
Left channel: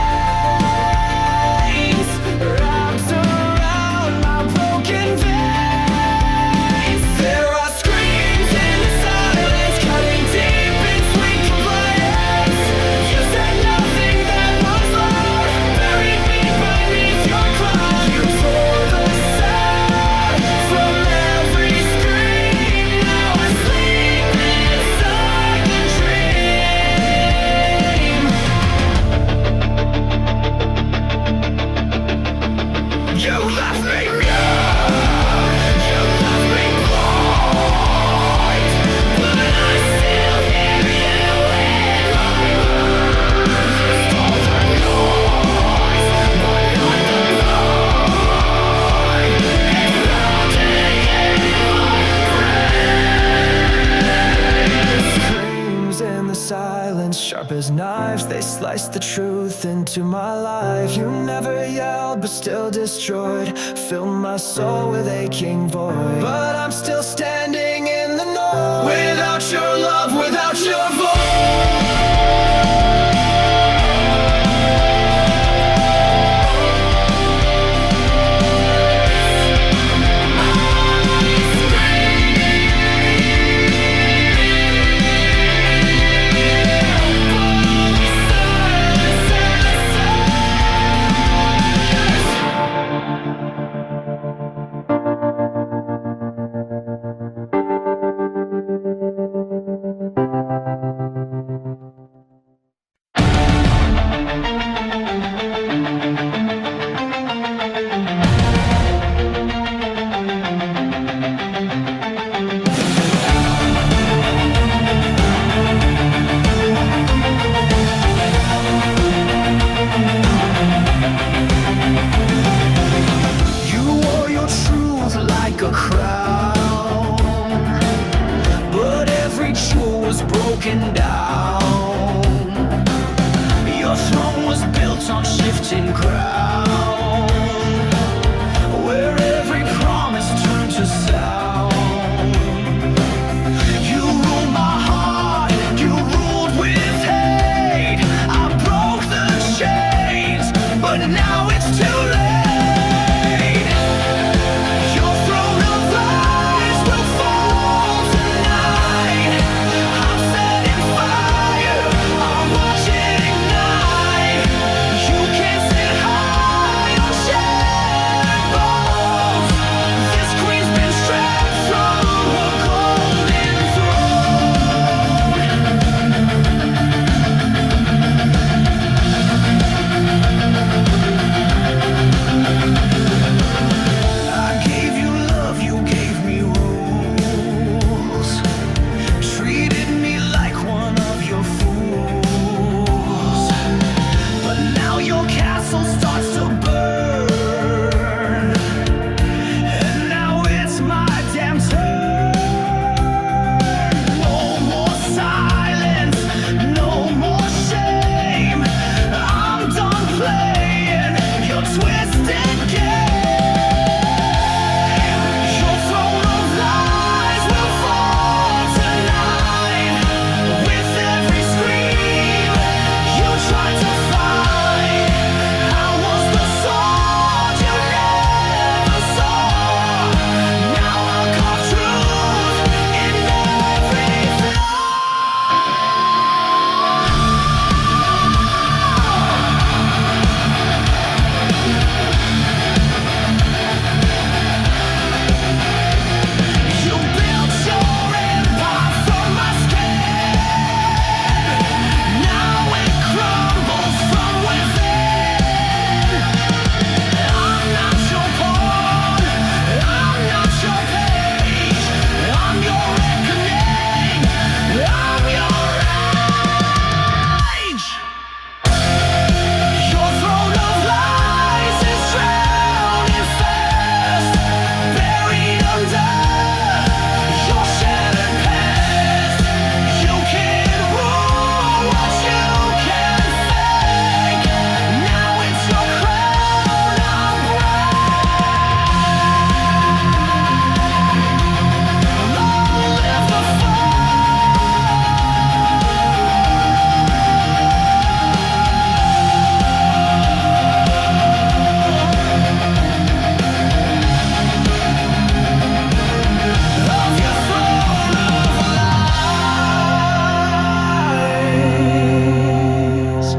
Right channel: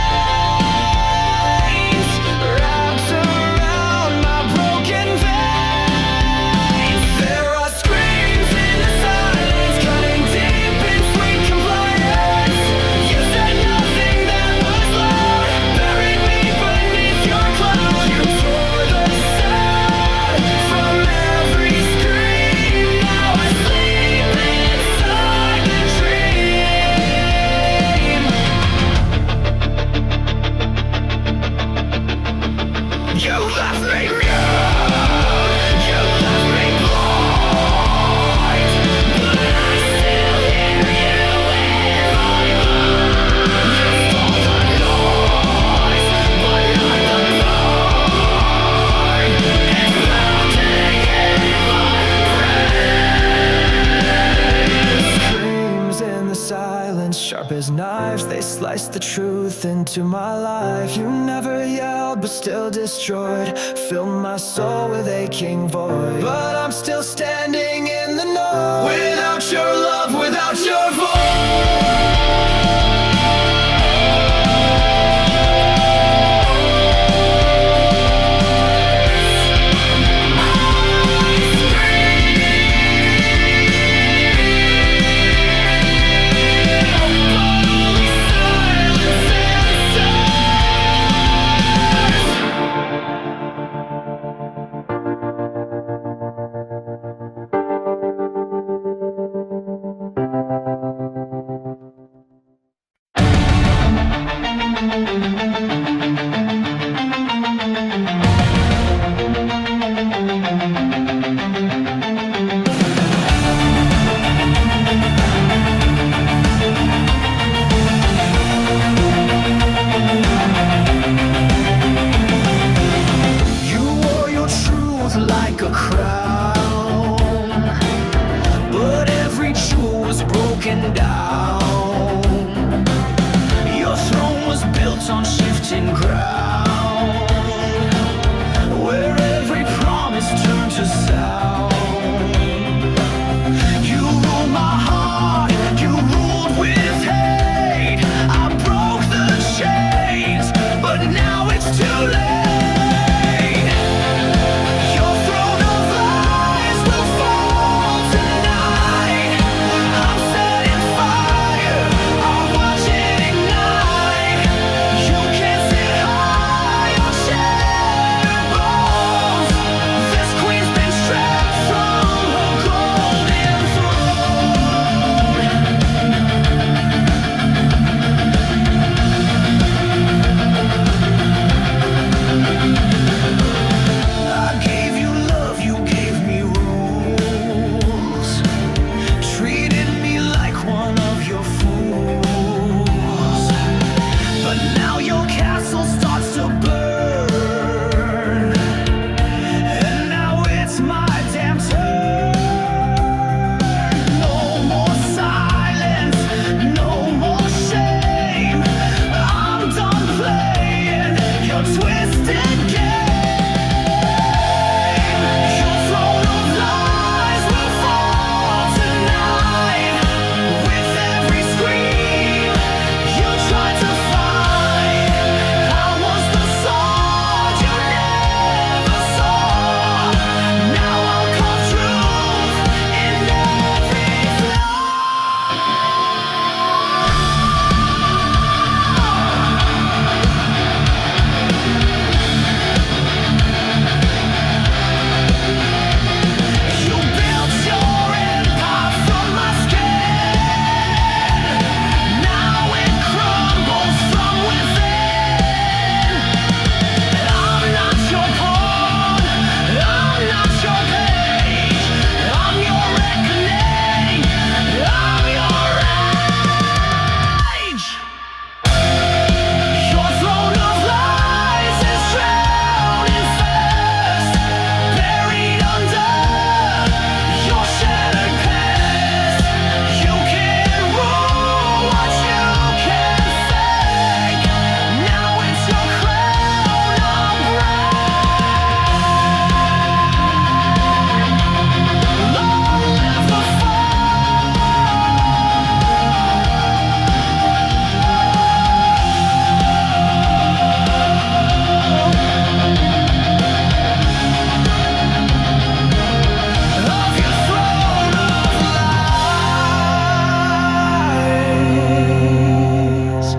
wrapped around my broken veins. There are screams in the silence, cutting deep in sweet compliance. You said nothing that was loud, buried me beneath your cloud. You tore the sound from every scream. Now I sleep inside the dream. You left me mute, you left me blind, but I still hear you in my mind. You stole the noise, but not the pain. It's pounding in my brain. Screams in the silence, Sharp as knives, they sliced the truth into my life. You never yelled, but still destroyed. Filled my soul with aching void. But I'm still standing in the know. Without your love, without your voice. Truth like a crown, but every jewel was broken down. Your throne was built on shifting ground, where every promise turned to sound. You ruled my heart, you ruled with hate. I broke the chains, but now it's too late. One of your fools, but now your castle starts to burn, and now it's my damn turn. No more silence, no more shame. I'm done playing your twisted game. Your throne of lies will fall tonight. With every scream you tried to fight, I was the sword you never saw. Now I'll carve truth in every flaw. You built your empire from my skin. Now it crumbles from within. I'm not your pawn, I'm not your page. I'm your reckoning, I'm your age. Your throne of lies is drowning fast, buried under your shattered past. You can't rule what you can fake. Now it's your crown I'll break. Long live the of your throne of lies.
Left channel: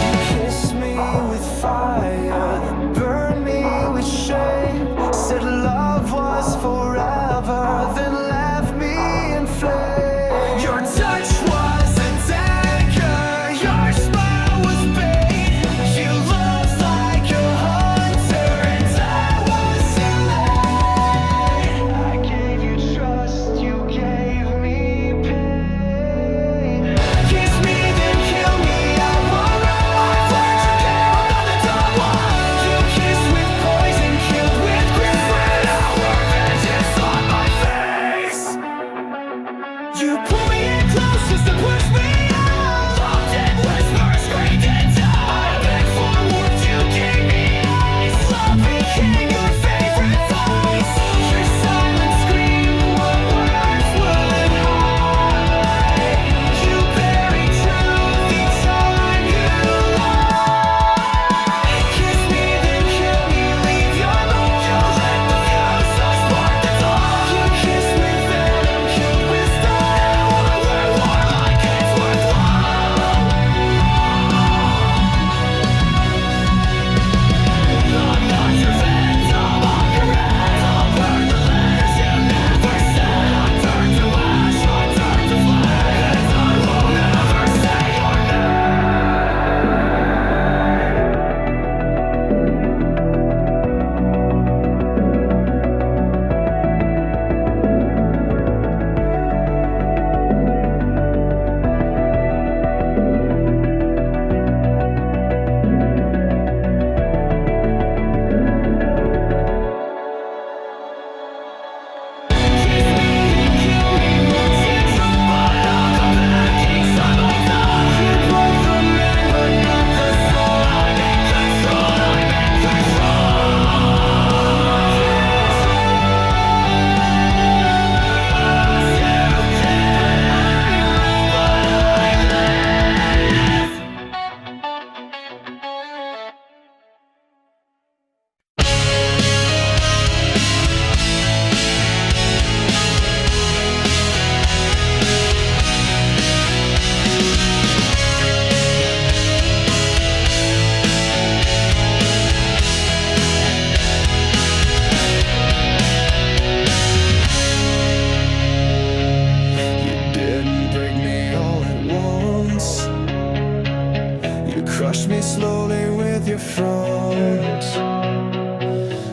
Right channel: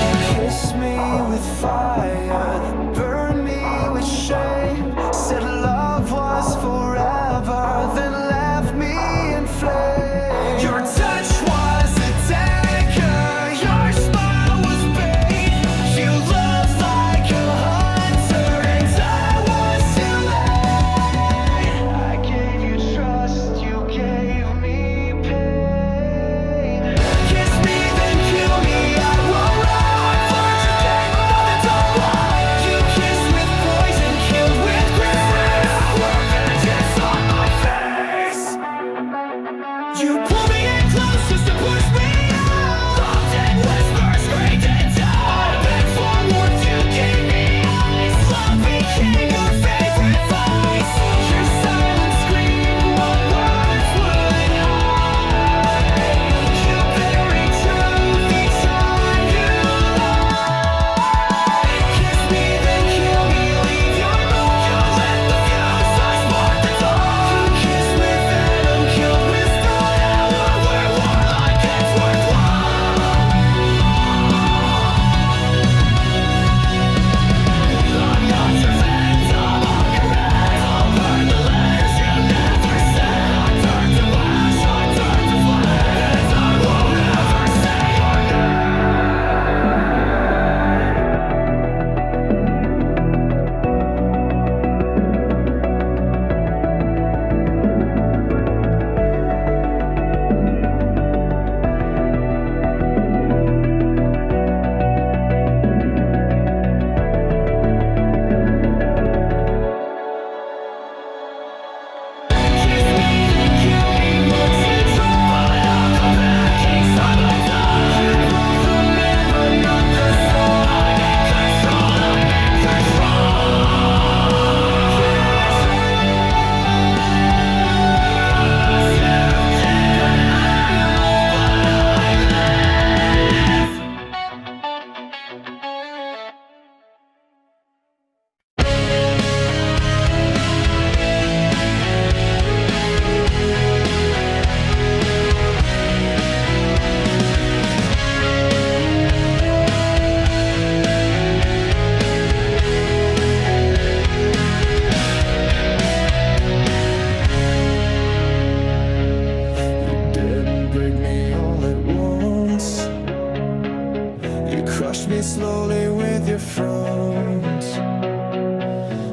You kissed me with fire, burned me with shame. Said love was forever, then left me in flames. Your touch was a dagger, your smile was bait. You looked like a hunter, and I was too late. I gave you trust, you gave me slowly with your front.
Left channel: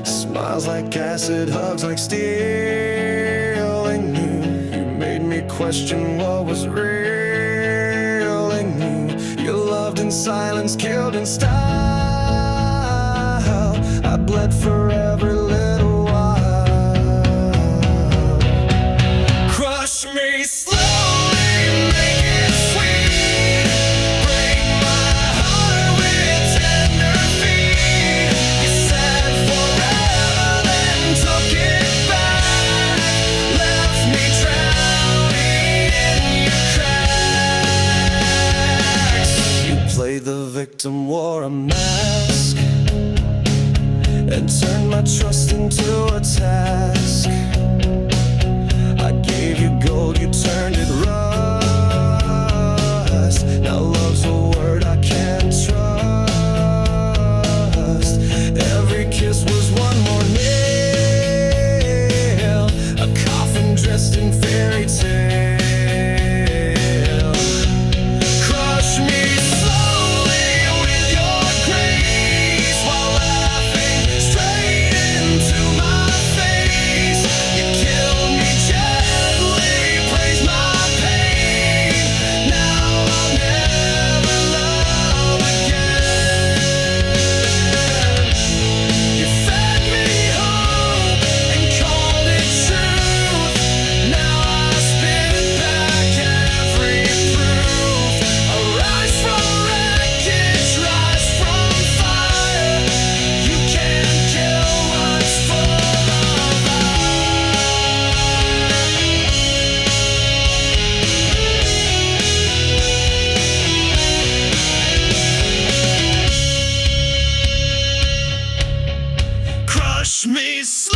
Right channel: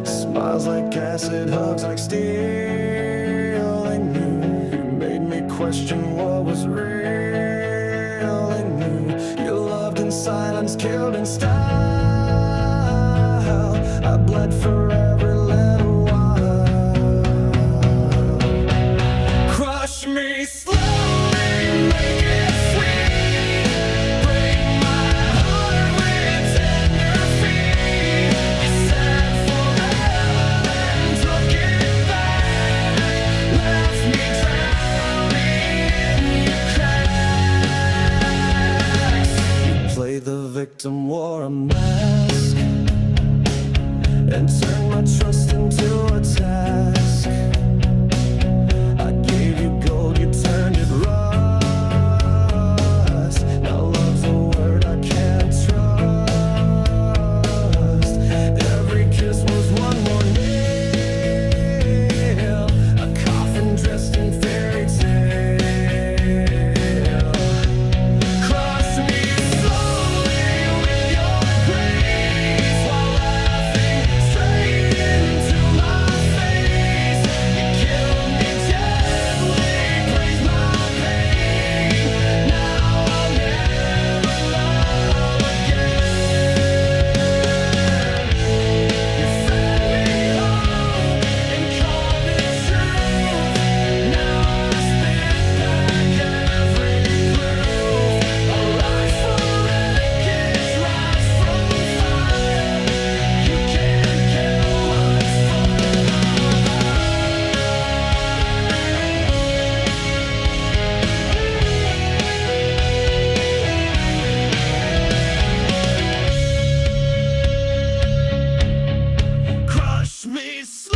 Smiles like acid, hugs like steel. I knew you made me question what was real. I knew you loved in silence, killed in style. I bled for every little while. Crush me slowly, make it sweet. Break my heart with tender feet. You said forever, then took it back. Left me drowning in your cracks. You played the victim, wore a mask, and turned my trust into a task. I gave you gold, you turned it rust. Now love's a word I can't trust. Every kiss was one more nail, a coffin dressed in fairy tale. Crush me slowly with your grace, while laughing straight into my face. You killed me gently, praised my pain. Now I'll never love again. You fed me hope and called it truth. Now I spit back every proof. I rise from wreckage, rise from fire. You can't kill what's full of ice. Crush me slowly.